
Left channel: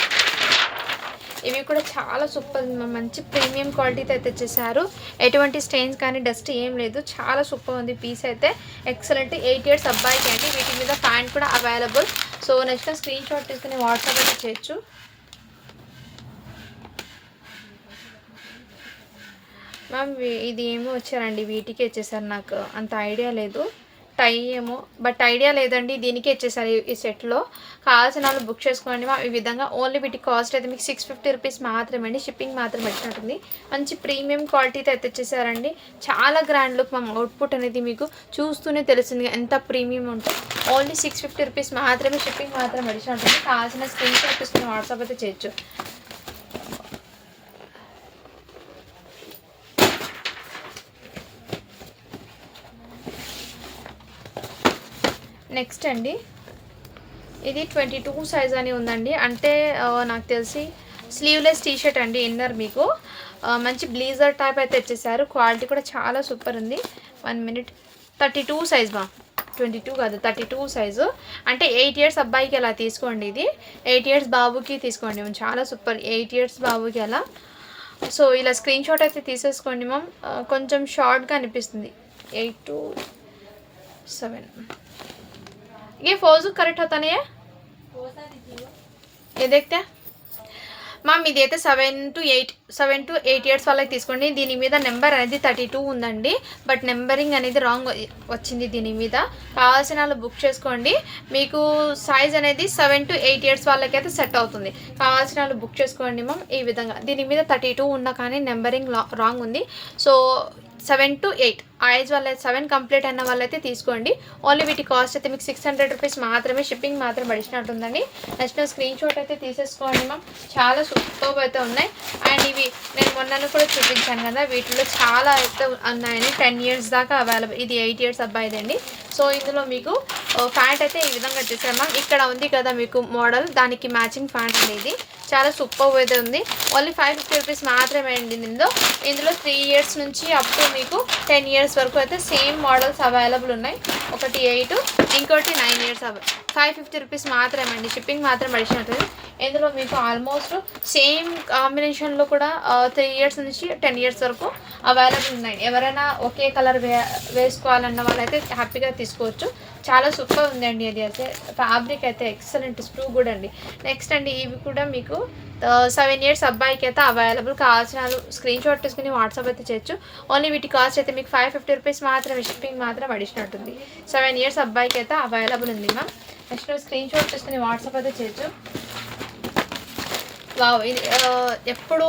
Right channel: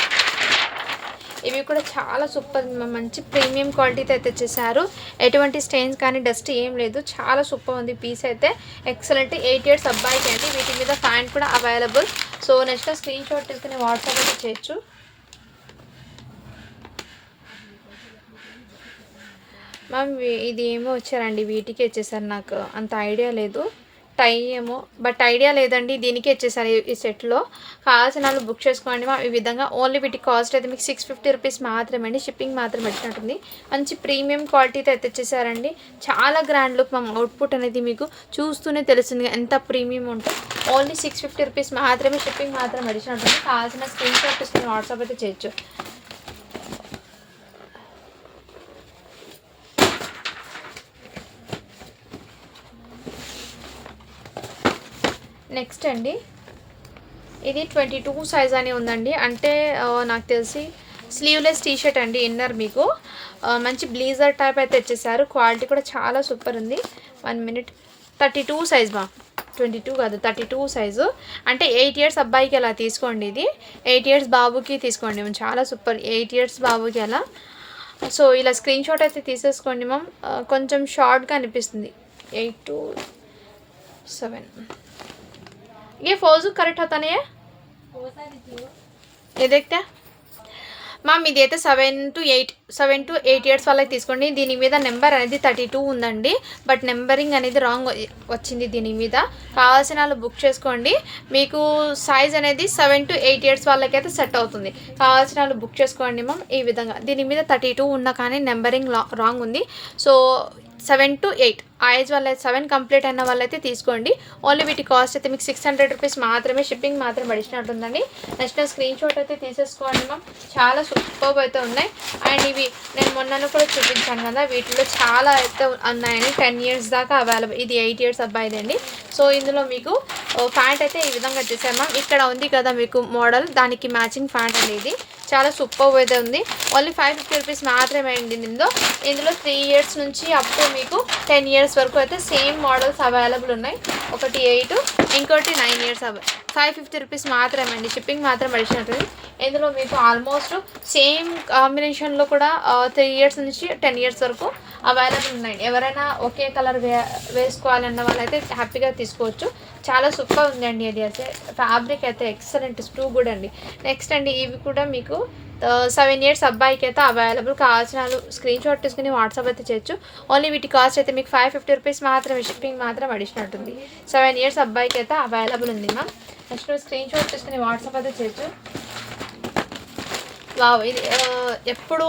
ఇవి కూడా చాలా సూపర్, మంచి ప్రీమియం క్వాలిటీతో అయితే తెచ్చేసారు. ఎటువంటి స్టెయిన్స్ కానీ డస్ట్ ఏం లేదు, చాలా సూపర్ ఉంది పీస్ అయితే. ఎక్సలెంట్. 8 ఇయర్స్ అబ్బాయికి అండి. వీటి మీద ప్యాంట్ కూడా available. So next screenshot తీసుకుని వాట్సాప్ అయితే చేయొచ్చు. మ్యామ్ ఇది ఏమో వచ్చారండి, వీటికి ఇచ్చేసారు. నాకు అంత ఐడియా లేదు, టై ఏమో, బట్ ఐడియా లేదండి. దీనికి ఇచ్చేసారు ఈ సెట్లో. కావాల్సిన వాళ్ళు బుక్ చేసుకోండి మా. ఈ విధంగా ఓన్లీ వీటి కాస్ట్ అయితే మీకు 650 రూపీస్ మాత్రమే అండి, షిప్పింగ్ మాత్రం వచ్చినట్టుంది. మంచి ప్రీమియం క్వాలిటీతో అయితే తెచ్చేసారండి. చాలా గ్రాండ్ లుక్ మా. అవుట్పుట్ అనేది మీకు చూస్తూనే తెలిసింది ఎంత ప్రీమియం ఉంటే. ఓన్లీ 650 రూపీస్ మాత్రమే, షిప్పింగ్ మాత్రం అడిషనల్ ఉంటుంది. కావాల్సిన స్క్రీన్ షాట్ తీసుకుని వాట్సాప్ అయితే చేయొచ్చు. నెక్స్ట్ అండి, ఇది 22 సైజ్ అని ఉందండి. అంటే నాకు తెలిసి స్లీవ్లెస్ టీషర్ట్ అండి. ఇన్నర్ మీకు మంచి బ్లీజర్ టైప్ అయితే ఇచ్చేసారు. క్వాలిటీ కూడా చాలా సూపర్ ఉంది. 1 మినిట్. 32 సైజ్ మా, 22 కాదు 32 సైజు. అంటే 8 ఇయర్స్ అబ్బాయికి అలా తీసుకోండి. ఇది 8 ఇయర్స్ బాబుకి తీసుకోండి. చాలా సూపర్, 8 ఇయర్స్ బాబుకి అలా. సో ఇలా స్క్రీన్ షాట్ అయితే తీసేసుకోండి మ్యామ్. కొంచెం షార్ట్గా అనిపిస్తుంది. 8 to 7 ये फौजू करेक्ट होता नहीं है, ये देखते हैं మ్యామ్. ఇది అయితే 7 to 8 ఇయర్స్ వాళ్ళకి తీసుకోండి. దీని మీద నెంబర్ అనేది 32 ఉందండి, బట్ నెంబరింగ్ అనేది రాంగ్ వచ్చింది దీని మీద. కావాల్సిన వాళ్ళు బుక్ చేసుకోండి. మీకు సైజ్ అనేది 7 to 8 ఇయర్స్ వాళ్ళకైతే సెట్ అవుతుంది. కావాల్సిన వాళ్ళు బుక్ చేసుకోండి మ్యామ్. ఈ విధంగా దీని మీద 32 ఉన్నా కానీ నెంబరింగ్ రాంగ్ ఉంది. సో 7 to 8 ఆ ఏజ్ వాళ్ళ 7 కంప్లీట్ అయిన వాళ్ళైతే తీసుకోండి. ఓన్లీ వీటి కాస్ట్ అయితే మీకు 600 రూపీస్ మాత్రమే, షిప్పింగ్ మాత్రం అడిషనల్ ఉంటుందండి. నెక్స్ట్ స్క్రీన్ షాట్ అయితే తీసేసుకోండి మ్యామ్. చాలా సూపర్ అయితే ఉన్నాయి. అండ్ ఇవి నేను మొన్న కూడా చూపించాను కదా, వీటిలో చాలా అయితే ఉన్నాయండి. 10 ఇయర్స్ దాకా అవైలబుల్. ఇది 8 ఇయర్స్ అబ్బాయిదండి. సో ఇందులో మీకు ప్యాంట్ అయితే ఈ విధంగా వచ్చేసాను మ్యామ్. ఇక్కడ ఉంది కదా మీకు మోడల్, దానికి మ్యాచింగ్ ప్యాంట్ అనేది చాలా సూపర్ అయితే ఉంది. ఓన్లీ 550 రూపీస్ మాత్రమే అండి. ఇందులో 3 ఇయర్స్ నుంచి అప్ టు మీకు 10 ఇయర్స్ వరకు అయితే సేమ్ మోడల్స్ అవైలబుల్ ఉన్నాయి. ఒకటి 8, ఇంకోటి 9 ఇయర్స్. 550 రూపీస్ మాత్రమే అండి, షిప్పింగ్ మాత్రం అడిషనల్. ఇందులో మీకు ఆల్మోస్ట్ సేమ్ కాంబినేషన్లో కూడా 3 ఇయర్స్ నుంచి 10 ఇయర్స్ వరకు అవైలబుల్ ఉన్నాయి. ఎవరైనా ఒకే కలర్ వేసుకోవాలన్న వాళ్ళైతే హ్యాపీగా తీసుకోవచ్చు. చాలా సూపర్ ఉందండి. అది అయితే ఫ్యాబ్రిక్ అయితే ఎక్సలెంట్, టూ గుడ్ అండి. నెక్స్ట్ అండి, ఇవి కూడా మీకు 7 ఇయర్స్ అబ్బాయికి అయితే అవైలబుల్. కావాల్సిన స్క్రీన్ షాట్ తీసుకుని వాట్సాప్ అయితే చేయొచ్చు. ఓన్లీ వీటి కాస్ట్ అయితే మీకు 550 రూపీస్ మాత్రం, షిప్పింగ్ మాత్రం అడిషనల్ ఉంటుంది. 7 ఇయర్స్ అబ్బాయికి అయితే అవైలబుల్ ఉంది మ్యామ్. నెక్స్ట్ స్క్రీన్ షాట్ తీసుకుని వాట్సాప్ అయితే చేయొచ్చు. వావ్! ఇది ఎప్పుడు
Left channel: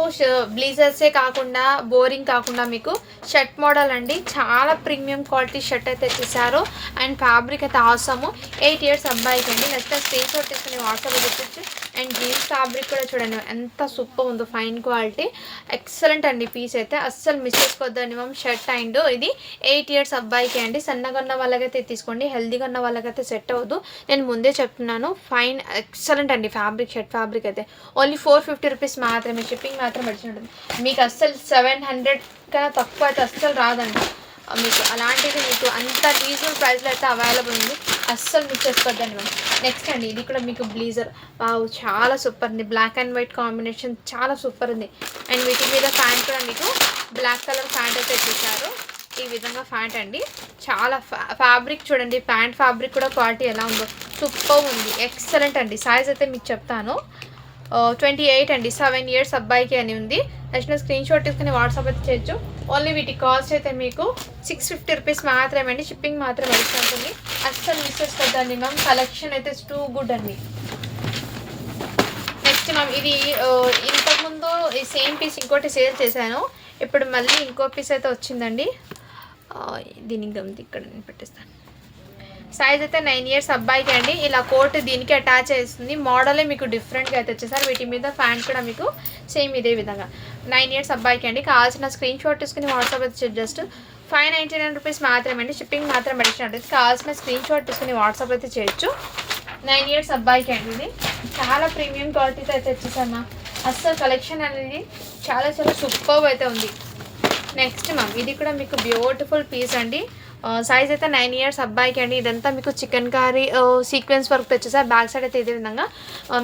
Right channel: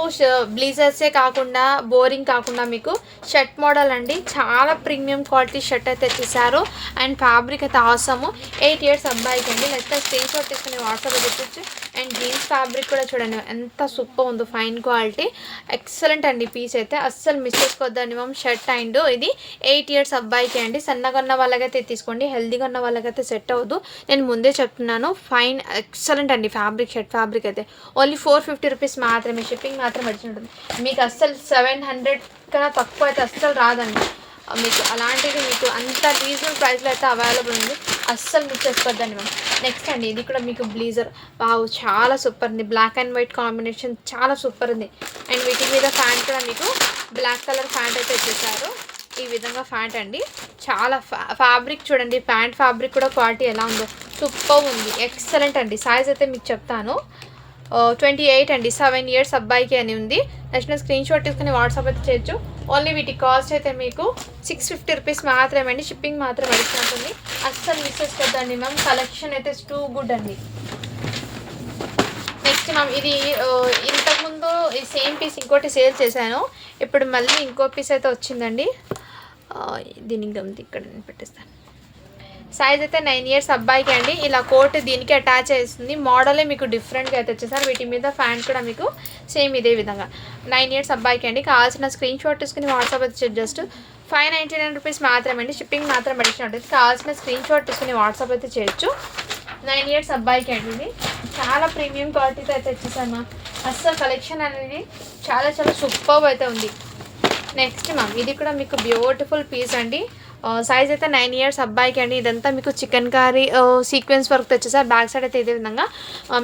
బ్లీజర్సే కాకుండా బోరింగ్ కాకుండా మీకు షర్ట్ మోడల్ అండి. చాలా ప్రీమియం క్వాలిటీ షర్ట్ అయితే ఇచ్చేసారు. అండ్ ఫ్యాబ్రిక్ అయితే ఆసము. 8 ఇయర్స్ అబ్బాయికి అండి. నెక్స్ట్ స్క్రీన్ షాట్ తీసుకుని వాట్సాప్లో తెప్పించి అండ్ జీన్స్ ఫ్యాబ్రిక్ కూడా చూడండి ఎంత సూపర్ ఉందో, ఫైన్ క్వాలిటీ, ఎక్సలెంట్ అండి. పీస్ అయితే అస్సలు మిస్ చేసుకోవద్దండి మ్యామ్. షర్ట్ అండ్ ఇది 8 ఇయర్స్ అబ్బాయికి అండి. సన్నగా ఉన్న వాళ్ళకైతే తీసుకోండి, హెల్దీగా ఉన్న వాళ్ళకైతే సెట్ అవ్వదు, నేను ముందే చెప్తున్నాను. ఫైన్ ఎక్సలెంట్ అండి ఫ్యాబ్రిక్, షర్ట్ ఫ్యాబ్రిక్ అయితే ఓన్లీ 450 రూపీస్ మాత్రమే. షిప్పింగ్ మాత్రం వచ్చినట్టుంది. మీకు అస్సలు 700 కన్నా తక్కువ అయితే అస్సలు రాదండి మీకు. అలాంటిది మీకు అంత రీజనబుల్ ప్రైస్లో అయితే అవైలబుల్ ఉంది, అస్సలు మిస్ చేసుకోవద్దండి మ్యామ్. నెక్స్ట్ అండి ఇది కూడా మీకు బ్లీజర్. వావ్, చాలా సూపర్ ఉంది. బ్లాక్ అండ్ వైట్ కాంబినేషన్ చాలా సూపర్ ఉంది. అండ్ వీటి మీద ప్యాంట్ కూడా మీకు బ్లాక్ కలర్ ప్యాంట్ అయితే వచ్చేసారు. ఈ విధంగా ప్యాంట్ అండి. చాలా ఫ్యాబ్రిక్ చూడండి, ప్యాంట్ ఫ్యాబ్రిక్ కూడా క్వాలిటీ ఎలా ఉందో సూపర్ ఉంది, ఎక్సలెంట్ అండి. సైజ్ అయితే మీకు చెప్తాను, 28 అండి. 7 ఇయర్స్ అబ్బాయికి అని ఉంది. నెక్స్ట్ స్క్రీన్ షాట్ తీసుకుని వాట్సాప్ అయితే చేయొచ్చు. ఓన్లీ వీటి కాస్ట్ అయితే మీకు 650 రూపీస్ మాత్రమే అండి. షిప్పింగ్ మాత్రం అడిగినట్టుంది, అస్సలు మిస్ చేసుకోవద్దండి మ్యామ్. కలెక్షన్ అయితే టూ గుడ్ అండి. నెక్స్ట్ మ్యామ్ ఇది ఇంతకుముందు ఈ సేమ్ పీస్ ఇంకోటి సేల్ చేశాను, ఇప్పుడు మళ్ళీ ఇంకో పీస్ అయితే వచ్చిందండి. దీనికి గమనించి ఇక్కడ నేను పెట్టేస్తాను. సైజ్ అయితే 9 ఇయర్స్ అబ్బాయికి అండి. ఇలా కోట్ దీనికి అటాచ్ చేస్తుంది. మోడలే మీకు డిఫరెంట్గా అయితే వచ్చేసారు. వీటి మీద ఫ్యాంట్ కూడా మీకు సేమ్ ఇదే విధంగా 9 ఇయర్స్ అబ్బాయికి అండి. కావాల్సిన స్క్రీన్ షాట్ తీసుకుని వాట్సాప్ అయితే జస్ట్ 599 రూపీస్ మాత్రమే అండి. షిప్పింగ్ మాత్రం అడిగినట్టు. కావాల్సిన స్క్రీన్ షాట్ తీసుకుని వాట్సాప్ అయితే చేయొచ్చు. 9 ఇయర్స్ అబ్బాయికి అండి. ఇది చాలా ప్రీమియం క్వాలిటీతో అయితే వచ్చేసాను. అస్సలు కలెక్షన్ అనేది చాలా చాలా సూపర్ అయితే ఉంది. నెక్స్ట్ మ్యామ్ ఇది కూడా మీకు బ్యూటిఫుల్ పీస్ అండి. సైజ్ అయితే 9 ఇయర్స్ అబ్బాయికి అండి. ఇదంతా మీకు చికెన్ కర్రీ సీక్వెన్స్ వర్క్ వచ్చేసారు. బ్యాక్ సైడ్ అయితే ఇదే విధంగా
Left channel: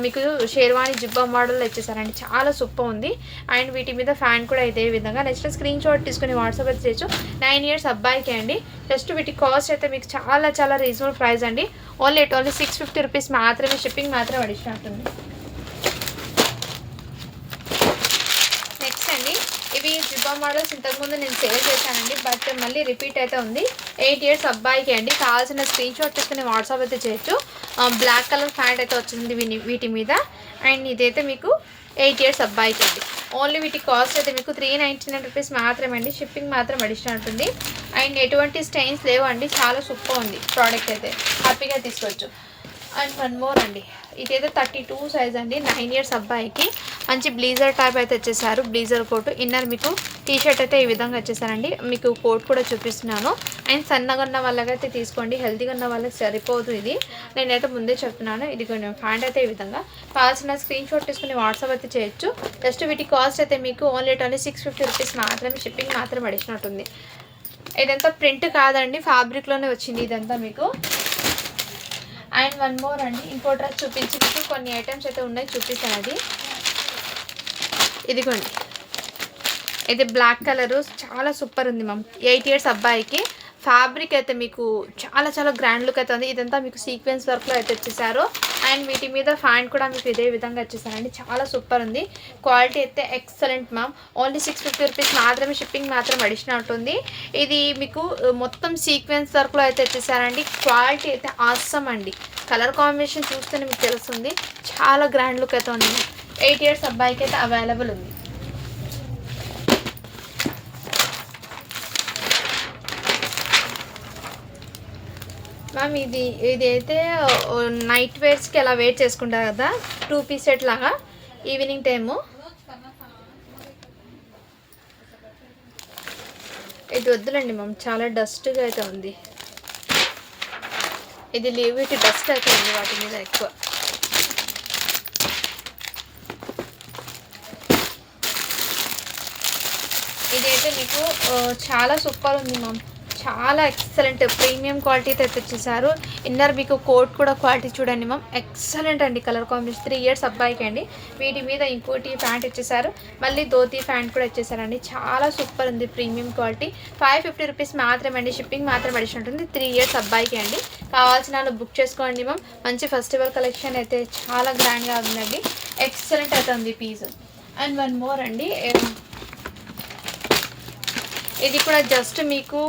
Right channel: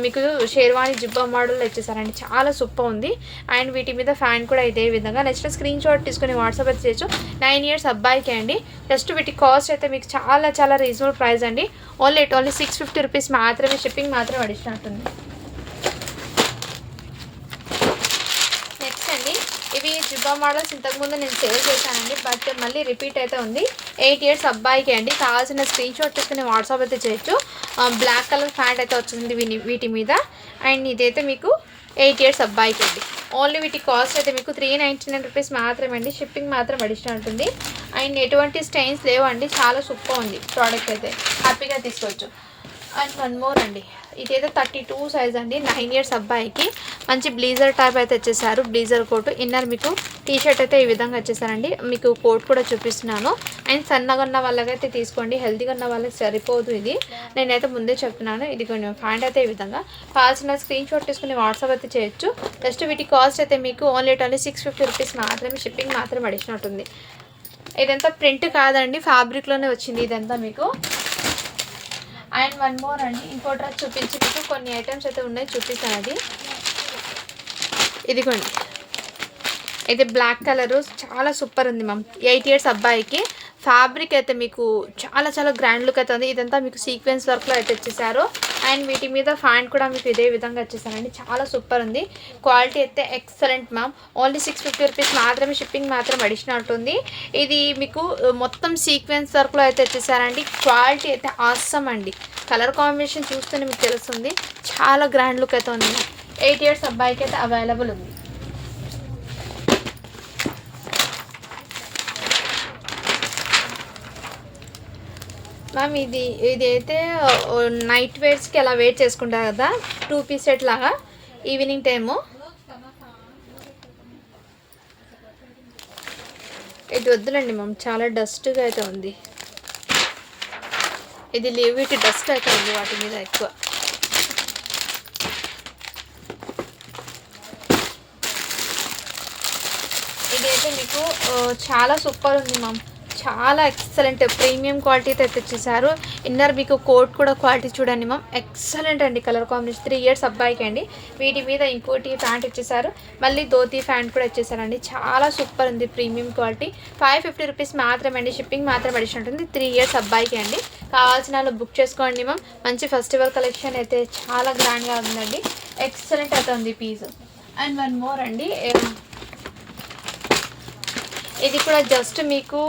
మీకు షేర్వాణి జిబ్బా మోడల్ వచ్చేసారండి. చాలా సూపర్ ఉంది. అండ్ వీటి మీద ఫ్యాన్ కూడా ఇదే విధంగా. నెక్స్ట్ స్క్రీన్ షాట్ తీసుకుని వాట్సాప్ అయితే చేయొచ్చు. 9 ఇయర్స్ అబ్బాయికి అండి. జస్ట్ వీటి కాస్ట్ అయితే మీకు చాలా చాలా రీజనబుల్ ప్రైస్ అండి. ఓన్లీ 650 రూపీస్ మాత్రమే. షిప్పింగ్ మాత్రం అడిషనల్ ఉంటుంది. నెక్స్ట్ అండి ఇవి జిబ్బా మోడల్స్ ఇంతకుముందు నేను సేల్ చేశానండి, బట్ మళ్ళీ రిపీట్ అయితే ఉంది. 8 ఇయర్స్ అబ్బాయికి అండి. కావాల్సిన స్క్రీన్ షాట్ తీసుకుని వాట్సాప్ అయితే చేయొచ్చు. బ్లాక్ కలర్ ప్యాంట్ అయితే వచ్చింది వీటి మీద. అండ్ ఇదైతే మీకు 8 ఇయర్స్ అబ్బాయికి అండి. ఓన్లీ వీటి కాస్ట్ అయితే మీకు 399 రూపీస్ మాత్రమే అండి. షిప్పింగ్ మాత్రం అడిషనల్ ఉంటుంది. అండ్ ఎటువంటి స్టైన్స్ లేవండి, చాలా సూపర్ ఉంది ప్రోడక్ట్ అయితే, హ్యాపీగా తీసుకోవచ్చు. అండ్ వన్ మోర్ అండి, ఇదైతే 32 సైజ్ అండి. 9 ఇయర్స్ అబ్బాయికి మంచి బ్లీజర్ టైప్ అయితే వచ్చేసారు. బ్లీజర్ కోట్ ఇన్నర్ మీకు టీషర్ట్ అయితే ఈ విధంగా వచ్చేసారండి. మీకు కోట్ కూడా చూపిస్తున్నాను. అండ్ సన్నగా ఉన్న వాళ్ళకైతే తీసుకోండి, హెల్తీగా ఉన్న వాళ్ళకి సరిపోదు ఇది, నేనైతే ముందే చెప్తున్నాను. ఇది కొంచెం ప్యాంట్ అయితే ఈ విధంగా. కావాల్సిన స్క్రీన్ షాట్ తీసుకుని వాట్సాప్ అయితే చేయొచ్చు. జస్ట్ వీటి కాస్ట్ అయితే మీకు ఓన్లీ 650 రూపీస్ మాత్రమే. షిప్పింగ్ మాత్రం అడిషనల్ ఉంటుంది. ఇదంతా ప్రింట్ కాదండి, ఫ్యాబ్రిక్లోనే వచ్చింది ఇదంతా మీకు. అండ్ వన్ మోర్ అండి, ఇంకో డ్రెస్ చూపించి మీకు కొన్ని ఐటమ్స్ అయితే ఉన్నాయి, చూపిస్తాను. అది ఇదిగోండి, ఇది బ్లాక్ కలరు చాలా సూపర్ ఉంది మ్యామ్. 8 ఇయర్స్ అబ్బాయికి. ఫ్యాబ్రిక్ అయితే మీకు చాలా చాలా గ్రాండ్ లుక్ అయితే ఉంది. ఇదంతా మీకు సీక్వెన్స్ వర్క్లో అయితే వచ్చేసారు. అండ్ వీటి మీద ఫ్యాంట్ కూడా మీకు ఇదే విధంగా వచ్చేసారండి. చాలా సూపర్ ఉంది. క్వాలిటీ అయితే ఎక్సలెంట్ మ్యామ్. ఓన్లీ 650 రూపీస్ మాత్రమే. షిప్పింగ్ మాత్రం అడిషనల్ ఉంటుంది. ఇది మీకు మొత్తం సీక్వెన్స్ వర్క్లో అయితే వచ్చేసారండి. క్వాలిటీ అయితే ఆసమ్ అండి. కలర్ కాంబినేషన్ చూస్తేనే మీకు తెలుస్తుంది, చాలా గ్రాండ్ లుక్ అయితే ఉంది. 8 ఇయర్స్ అబ్బాయికి అయితే అవైలబుల్ ఉంది. మ్యామ్ ఇది అయితే నైట్ వేర్స్కి అలా వెయిట్ చేసుకుంటారు కదా, 2 పీస్ సెట్ లాగా ఈవినింగ్ టైము. ఇది వద్దులండి మ్యామ్, చాలా డస్ట్గా అయితే ఉంది. ఇది వీటి డస్ట్ అయితే ఉంది వాటి మీద ఎక్కువ. ఇదైతే మీకు చాలా సూపర్ ఉంది మ్యామ్. చాలా ఎక్సలెంట్ ప్రీమియం క్వాలిటీ అయితే తెచ్చేసారు. ఇన్నర్ మీకు కోట్ కూడా క్వాలిటీ చూడండి మ్యామ్, ఎక్సలెంట్ అండి. కలర్ కాంబినేషన్ 3 ఇయర్స్ అబ్బాయికి అండి. వీటి మీద ఇంకోటి ప్యాంట్ ఇచ్చేసారు, మళ్ళీ ధోతి ప్యాంట్ కూడా ఇచ్చేసారండి. చాలా సూపర్ ఉంది, ప్రీమియం క్వాలిటీ. 550 రూపీస్ మాత్రమే అండి. షిప్పింగ్ మాత్రం అడిషన్ ఉంటుంది. 3 ఇయర్స్ అబ్బాయికి అండి. కావాల్సిన వాళ్ళు బుక్ చేసుకోండి మ్యామ్. మంచి ఫెస్టివల్ కలెక్షన్ అయితే చాలా గ్రాండ్గా ఉందండి. ఎక్సలెంట్ అయితే ఉంది పీస్. అండ్ వన్ మోర్ అండి, ఇది కూడా జస్ట్ మీకు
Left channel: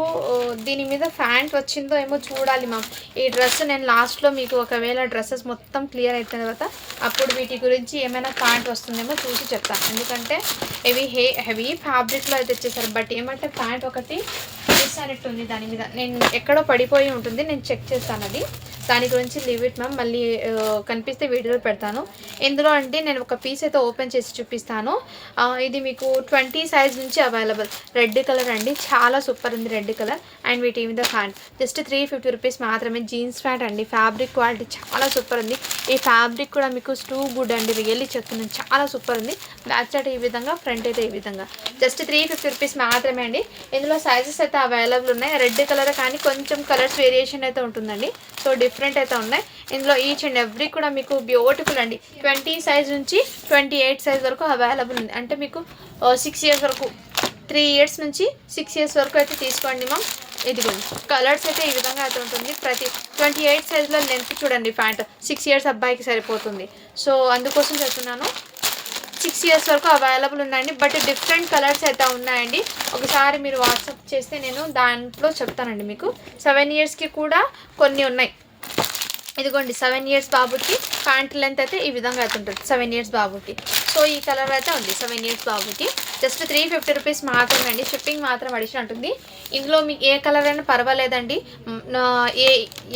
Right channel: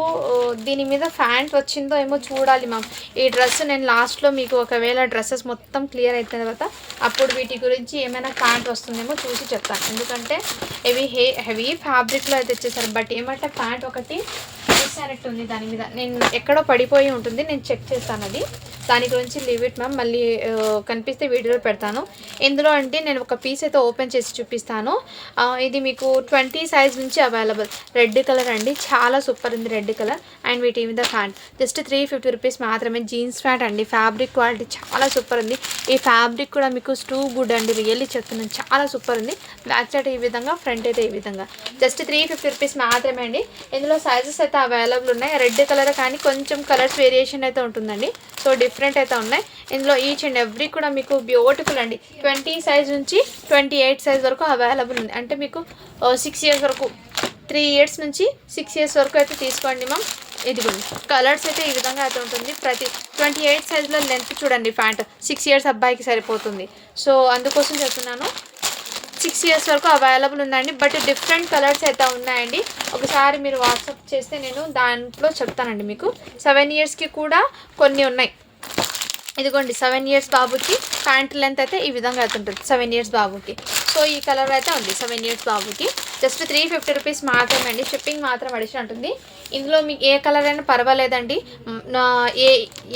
దీని మీద ఫ్యాంట్ వచ్చిందో ఏమో చూడాలి మ్యామ్. ఈ డ్రెస్ నేను లాస్ట్లో మీకు ఒకవేళ డ్రెస్సెస్ మొత్తం క్లియర్ అయిన తర్వాత అప్పుడు వీటి గురించి ఏమైనా ప్యాంట్ వస్తుందేమో చూసి చెప్తాను. ఎందుకంటే హెవీ ఫ్యాబ్రిక్లో అయితే వచ్చేసారు. బట్ ఏమంటే ప్యాంట్ ఒకటి మిస్ అయినట్టు ఉంది దాని మీద. నేను ఎక్కడో పడిపోయి ఉంటుంది, నేను చెక్ చేస్తాను అది. దాని గురించి లీవ్ ఇట్ మ్యామ్. మళ్ళీ కనిపిస్తే వీడియోలో పెడతాను. ఇందులో అంటే నేను ఒక పీస్ అయితే ఓపెన్ చేసి చూపిస్తాను. ఇది మీకు 20 సైజ్ నుంచి అవైలబుల్. రెడ్ కలర్ అండి, చాలా సూపర్ ఉంది రెడ్ కలర్. అండ్ వీటి మీద హ్యాండ్ జస్ట్ 350 రూపీస్ మాత్రమే. జీన్స్ ప్యాంట్ అండి, ఫ్యాబ్రిక్ క్వాలిటీ చాలా సూపర్ ఉంది. ఈ ఫ్యాబ్రిక్ కూడా మీకు టూ గుడ్ అండి, రియల్లీ చెప్తున్నాను, చాలా సూపర్ ఉంది. బ్యాక్ సైడ్ ఈ విధంగా, ఫ్రంట్ అయితే ఈ విధంగా. జస్ట్ 350 రూపీస్ మాత్రమే అండి. ఇందులో సైజెస్ అయితే అవైలబుల్ ఉన్నాయి. రెడ్ కలర్ కానీ కొంచెం కలర్స్ వేరియేషన్ అయితే ఉంటుందండి. సో డిఫరెంట్ అయితే ఉన్నాయి. ఇందులో ఈచ్ అండ్ ఎవ్రీ కూడా మీకు బ్యూటిఫుల్ అండి. 20 సైజ్ నుంచి 28 సైజ్ వరకు అవైలబుల్ ఉంది. అంటే మీకు 6 ఇయర్స్ వరకు, 3 ఇయర్స్ నుంచి 6 ఇయర్స్ వరకు అయితే తీసుకోండి మ్యామ్. ఇది కలర్స్ అయితే ఈ విధంగా అయితే ఉంటుంది. ప్రతి 28 సైజ్లో లెంత్ చూడండి. ప్యాంట్ 6 ఇయర్స్ అబ్బాయికి సరిపోతుంది. సో అందుకోసం చెప్తున్నాను. 6 ఇయర్స్ వరకు అవైలబుల్ ఉందండి. బట్ డిఫరెంట్ కలర్స్ అయితే ఉన్నాయండి. ఒకసారి మీరు వాట్సాప్ చేస్తే నేను దాంట్లో చెప్తానండి మీకు. 7 ఇయర్స్కి కూడా కొన్ని ఉన్నాయి. ఇదిగోండి 7 ఇయర్స్ బాబుకి ప్యాంట్ లెంత్ అయితే ఈ విధంగా అయితే ఉంటుంది 7 ఇయర్స్ బాబుకి. సో ఈ కలర్ అయితే ఉంది 7 ఇయర్స్ బాబుకి. జస్ట్ 350 రూపీస్ మాత్రమే అండి. షిప్పింగ్ మాత్రం అడిషన్ ఉంటుంది. ఇందులో మీకు ఏ కలర్ అయినా పర్వాలేదండి. నా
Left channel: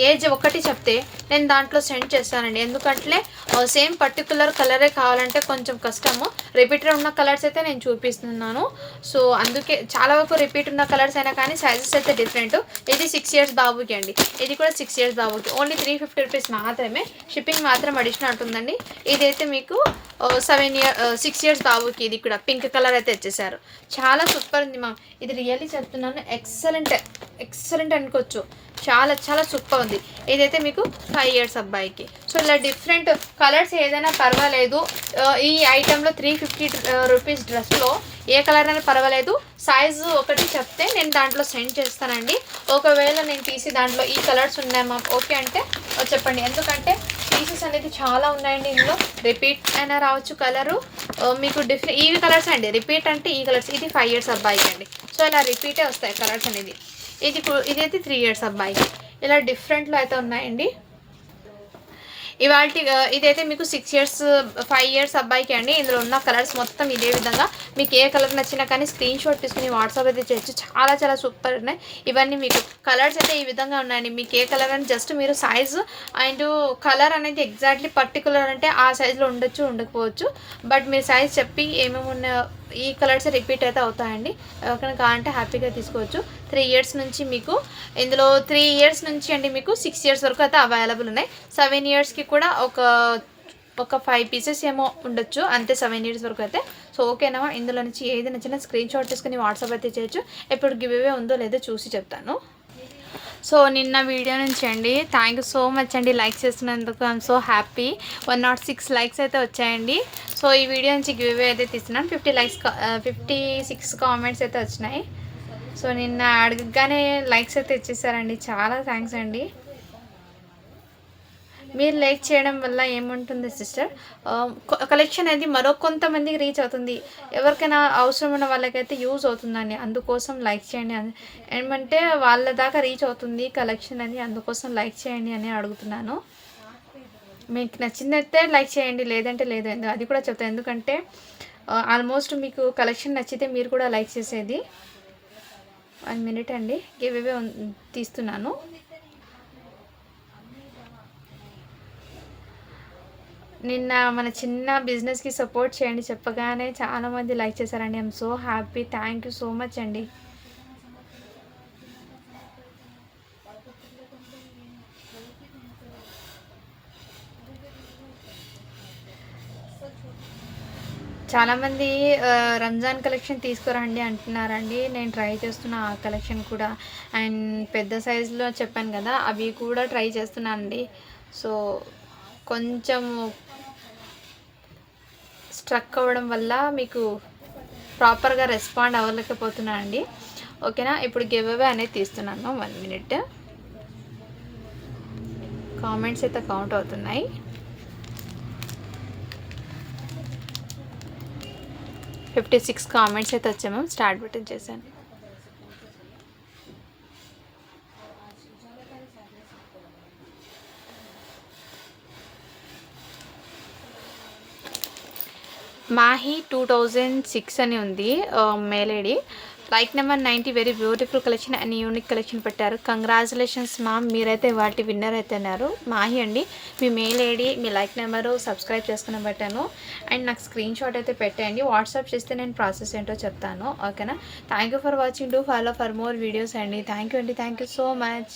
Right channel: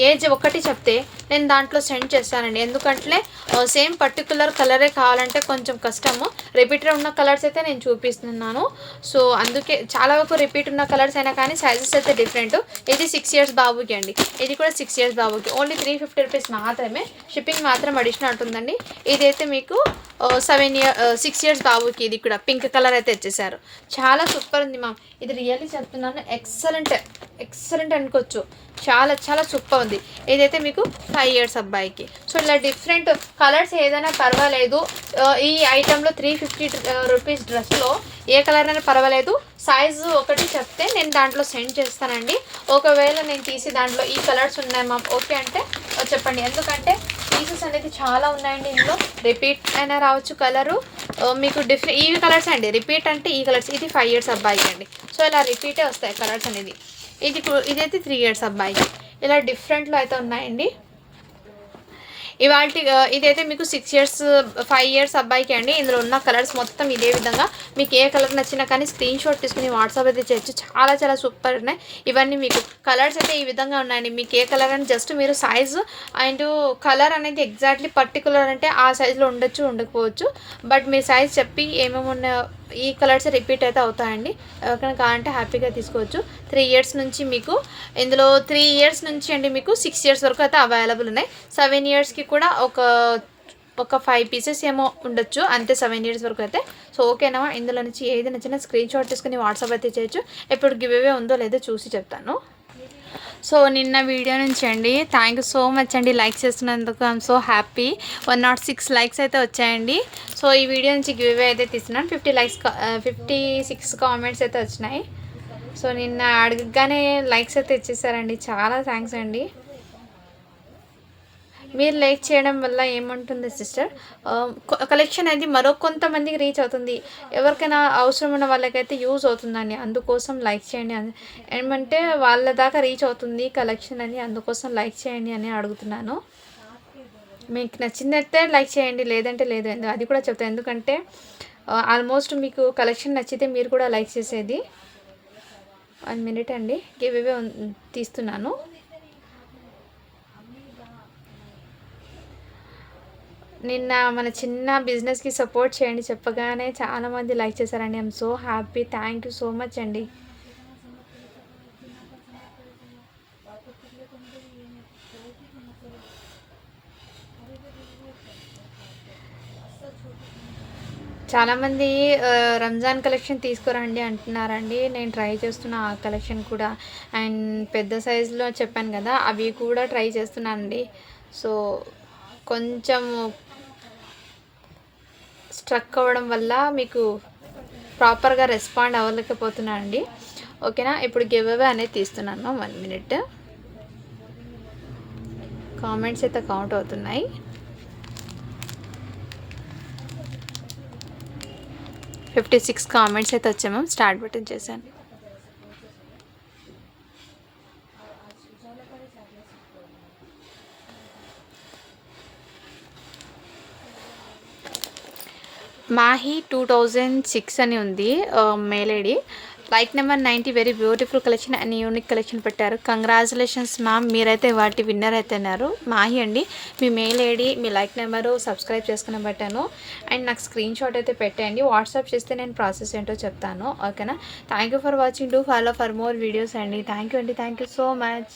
ఏజ్ ఒకటి చెప్తే నేను దాంట్లో సెండ్ చేస్తానండి. ఎందుకంటే సేమ్ పర్టికులర్ కలరే కావాలంటే కొంచెం కష్టము. రిపీటర్ ఉన్న కలర్స్ అయితే నేను చూపిస్తున్నాను. సో అందుకే చాలా వరకు రిపీట్ ఉన్న కలర్స్ అయినా కానీ సైజెస్ అయితే డిఫరెంట్. ఇది 6 ఇయర్స్ బాబుకి అండి. ఇది కూడా 6 ఇయర్స్ బాబుకి. ఓన్లీ 350 రూపీస్ మాత్రమే. షిప్పింగ్ మాత్రం అడిషనల్ ఉంటుందండి. ఇదైతే మీకు 6 ఇయర్స్ బాబుకి. ఇది కూడా పింక్ కలర్ అయితే వచ్చేసారు. చాలా సూపర్ ఉంది మ్యామ్. ఇది రియల్లీ చెప్తున్నాను, ఎక్సలెంట్ అనుకోవచ్చు. చాలా చాలా సూపర్ ఉంది. ఇదైతే మీకు 5 ఇయర్స్ అబ్బాయికి. సో ఇలా డిఫరెంట్ కలర్స్ ఏదైనా పర్వాలేదు. ఈ ఐటెంలో 350 రూపీస్ డ్రెస్లో ఏ కలర్ అయినా పర్వాలేదు. సైజు ఒకటి చెప్తే నేను దాంట్లో సెండ్ చేస్తానండి. ఒకవేళ నేను తీసి దాంట్లో ఈ కలర్స్ ఉన్నాయి మ్యామ్ ఓకే అంటే చెప్పండి. ఎందుకంటే పీసెస్ అనేది చాలా ఉన్నాయండి. ఇందులో రిపీట్ అయినా రావచ్చు కలరు. మీకు డిఫరెంట్ ఈ కలర్స్ అండి. రిపీట్ అంటే ఈ కలర్స్. ఇది 5 ఇయర్స్ అబ్బాయికి అండి. సో ఇలా రిపీటే వస్తాయి కలర్స్ అనేది. ఇదైతే 3 ఇయర్స్ అబ్బాయికి. ఇలా డిఫరెంట్లో అయితే ఉన్నాయండి. ఇదైతే మీకు 6 ఇయర్స్ 5 ఇయర్స్ అబ్బాయికి అండి. ఇందులో ఉన్న కలర్స్ మొత్తం ఇదే విధంగా. మీకు ఏ కలర్ నచ్చినా కానీ స్క్రీన్ షాట్ తీసుకుని వాట్సాప్ అయితే చేయొచ్చు. చాలా చాలా సూపర్ ఉన్నాయి. ఇవన్నీ మీకు కలర్స్ అయితే ఈ విధంగా ఉన్నాయండి. మీకు ఏ కలర్ అని జస్ట్ మీరు సైజు అండ్ కలర్ అనేది ఎగ్జాక్ట్లీ పర్టికులర్ అంటే ఆ సైజులో ఉండొచ్చు, ఉండకపోవచ్చు. బట్ మీరు సైజ్ చెప్పి ఏమేమి ఉన్నాయో ఈ కలర్స్ రిపీట్ అయితే అవుతాయండి. ఎవరికైనా కావాలంటే హ్యాపీగా తీసుకోవచ్చు. 3 ఇయర్స్ నుంచి మీకు ఇందులో 3 ఇయర్స్ నుంచి అండి మీకు 6 ఇయర్స్ వరకు అయితే అవైలబుల్ ఉన్నాయి. 7 ఇయర్స్కి కూడా ఒక 5 పీసెస్ ఏమో ఉండొచ్చు అంతే 7 ఇయర్స్ వరకు అయితే. సో ఓకేనా. ఇందులో నుంచి ఏది నచ్చినా స్క్రీన్ షాట్ తీసుకుని వాట్సాప్ అయితే చేయొచ్చు. ఎప్పుడు గివ్ అవే ఉందో లేదో చూసి చెప్తాను. సో నిన్న వీడియో నుంచి అండి థ్యాంక్ యూ సో మచ్ అండి. లైక్స్ చేస్తున్నందుకు ఐఎమ్ సో హ్యాపీ. 106 లైక్స్ అయితే వచ్చాయండి. సో ఈ వీడియో నుంచి గివ్ అవే అయితే తీస్తున్నాను. 56 కామెంట్స్ అయితే వచ్చినాయి. సో నిన్న అడగగానే లైక్స్ అయితే ఇచ్చేసారండి. చాలా థ్యాంక్స్ అండి. మీరు లైక్ చేయడం వల్ల ఏముంటుంది సిస్టర్, కలెక్షన్ అనేది మరో కొంతమందికి రీచ్ అవుతుంది. ఎవరికైనా అవసరం ఉన్న వాళ్ళకైతే యూజ్ అవుతుందని అందుకోసం లైక్ చేయండి. ఏమంటే వాళ్ళ దాకా రీచ్ అవుతుంది కలెక్షన్ అని, అందుకోసం లైక్ చేయండి అని అడుగుతున్నాను. మీకు నచ్చిందైతే లైక్ చేయండి, లేదంటే లేదు. అది కూడా చెప్తాను. ఎందుకంటే ఆల్మోస్ట్ మీకు కలెక్షన్ నచ్చితే మీరు కూడా లైక్ చేసేది. 1 మినిట్ అండి, గివ్ అవే తీస్తున్నాను. నిన్న మన చిన్న బిజినెస్కి సపోర్ట్ చేయండి చెప్పగానే చాలామంది లైక్ చేశారండి. I'm so happy. Thank you so much అండి. చాలామంది రంజాన్ కలెక్షన్ తీసుకురండి అంటున్నారండి. నేను ట్రై చేస్తున్నా ఆ కలెక్షన్ కూడా. అండ్ పెద్ద సైజులో చెప్పాను కదా, అవి కూడా ట్రై చేస్తున్నానండి. సో కొంచెం స్ట్రక్ అవ్వడం వల్ల మీకు ప్రాపర్గా రెస్పాండ్ అవ్వలేకపోతున్నానండి. ఓకేనా. ఇప్పుడు గివ్ అవే అనేది తీస్తున్నాను. 1 మినిట్. కామెంట్స్ అయితే కౌంట్ అవుతున్నాయి. 56 కామెంట్స్ అయితే వచ్చాము. స్టార్ట్ బటన్ చేశాను. మాహి 2006 అని ఉంది. Mail ID like number 90 very beautiful collection and unique collection పెట్టారు. కంగ్రాచులేషన్స్ మ్యామ్, మీరైతే వాటి విన్నర్ అయితున్నారు. మాహి అండి, మీ మెయిల్ ఐడి మీ లైక్ నెంబరు సబ్స్క్రైబ్ చేసుకుని పెట్టాను అండ్ నాకు స్క్రీన్ షాట్ అయితే పెట్టండి. వాట్సాప్ చేస్తే నేను ప్రాసెస్ ఏంటో చెప్తాను. ఓకేనా? Thank you for watching. Do follow for more videos అండి. థ్యాంక్ యూ అండి. Thank you so much.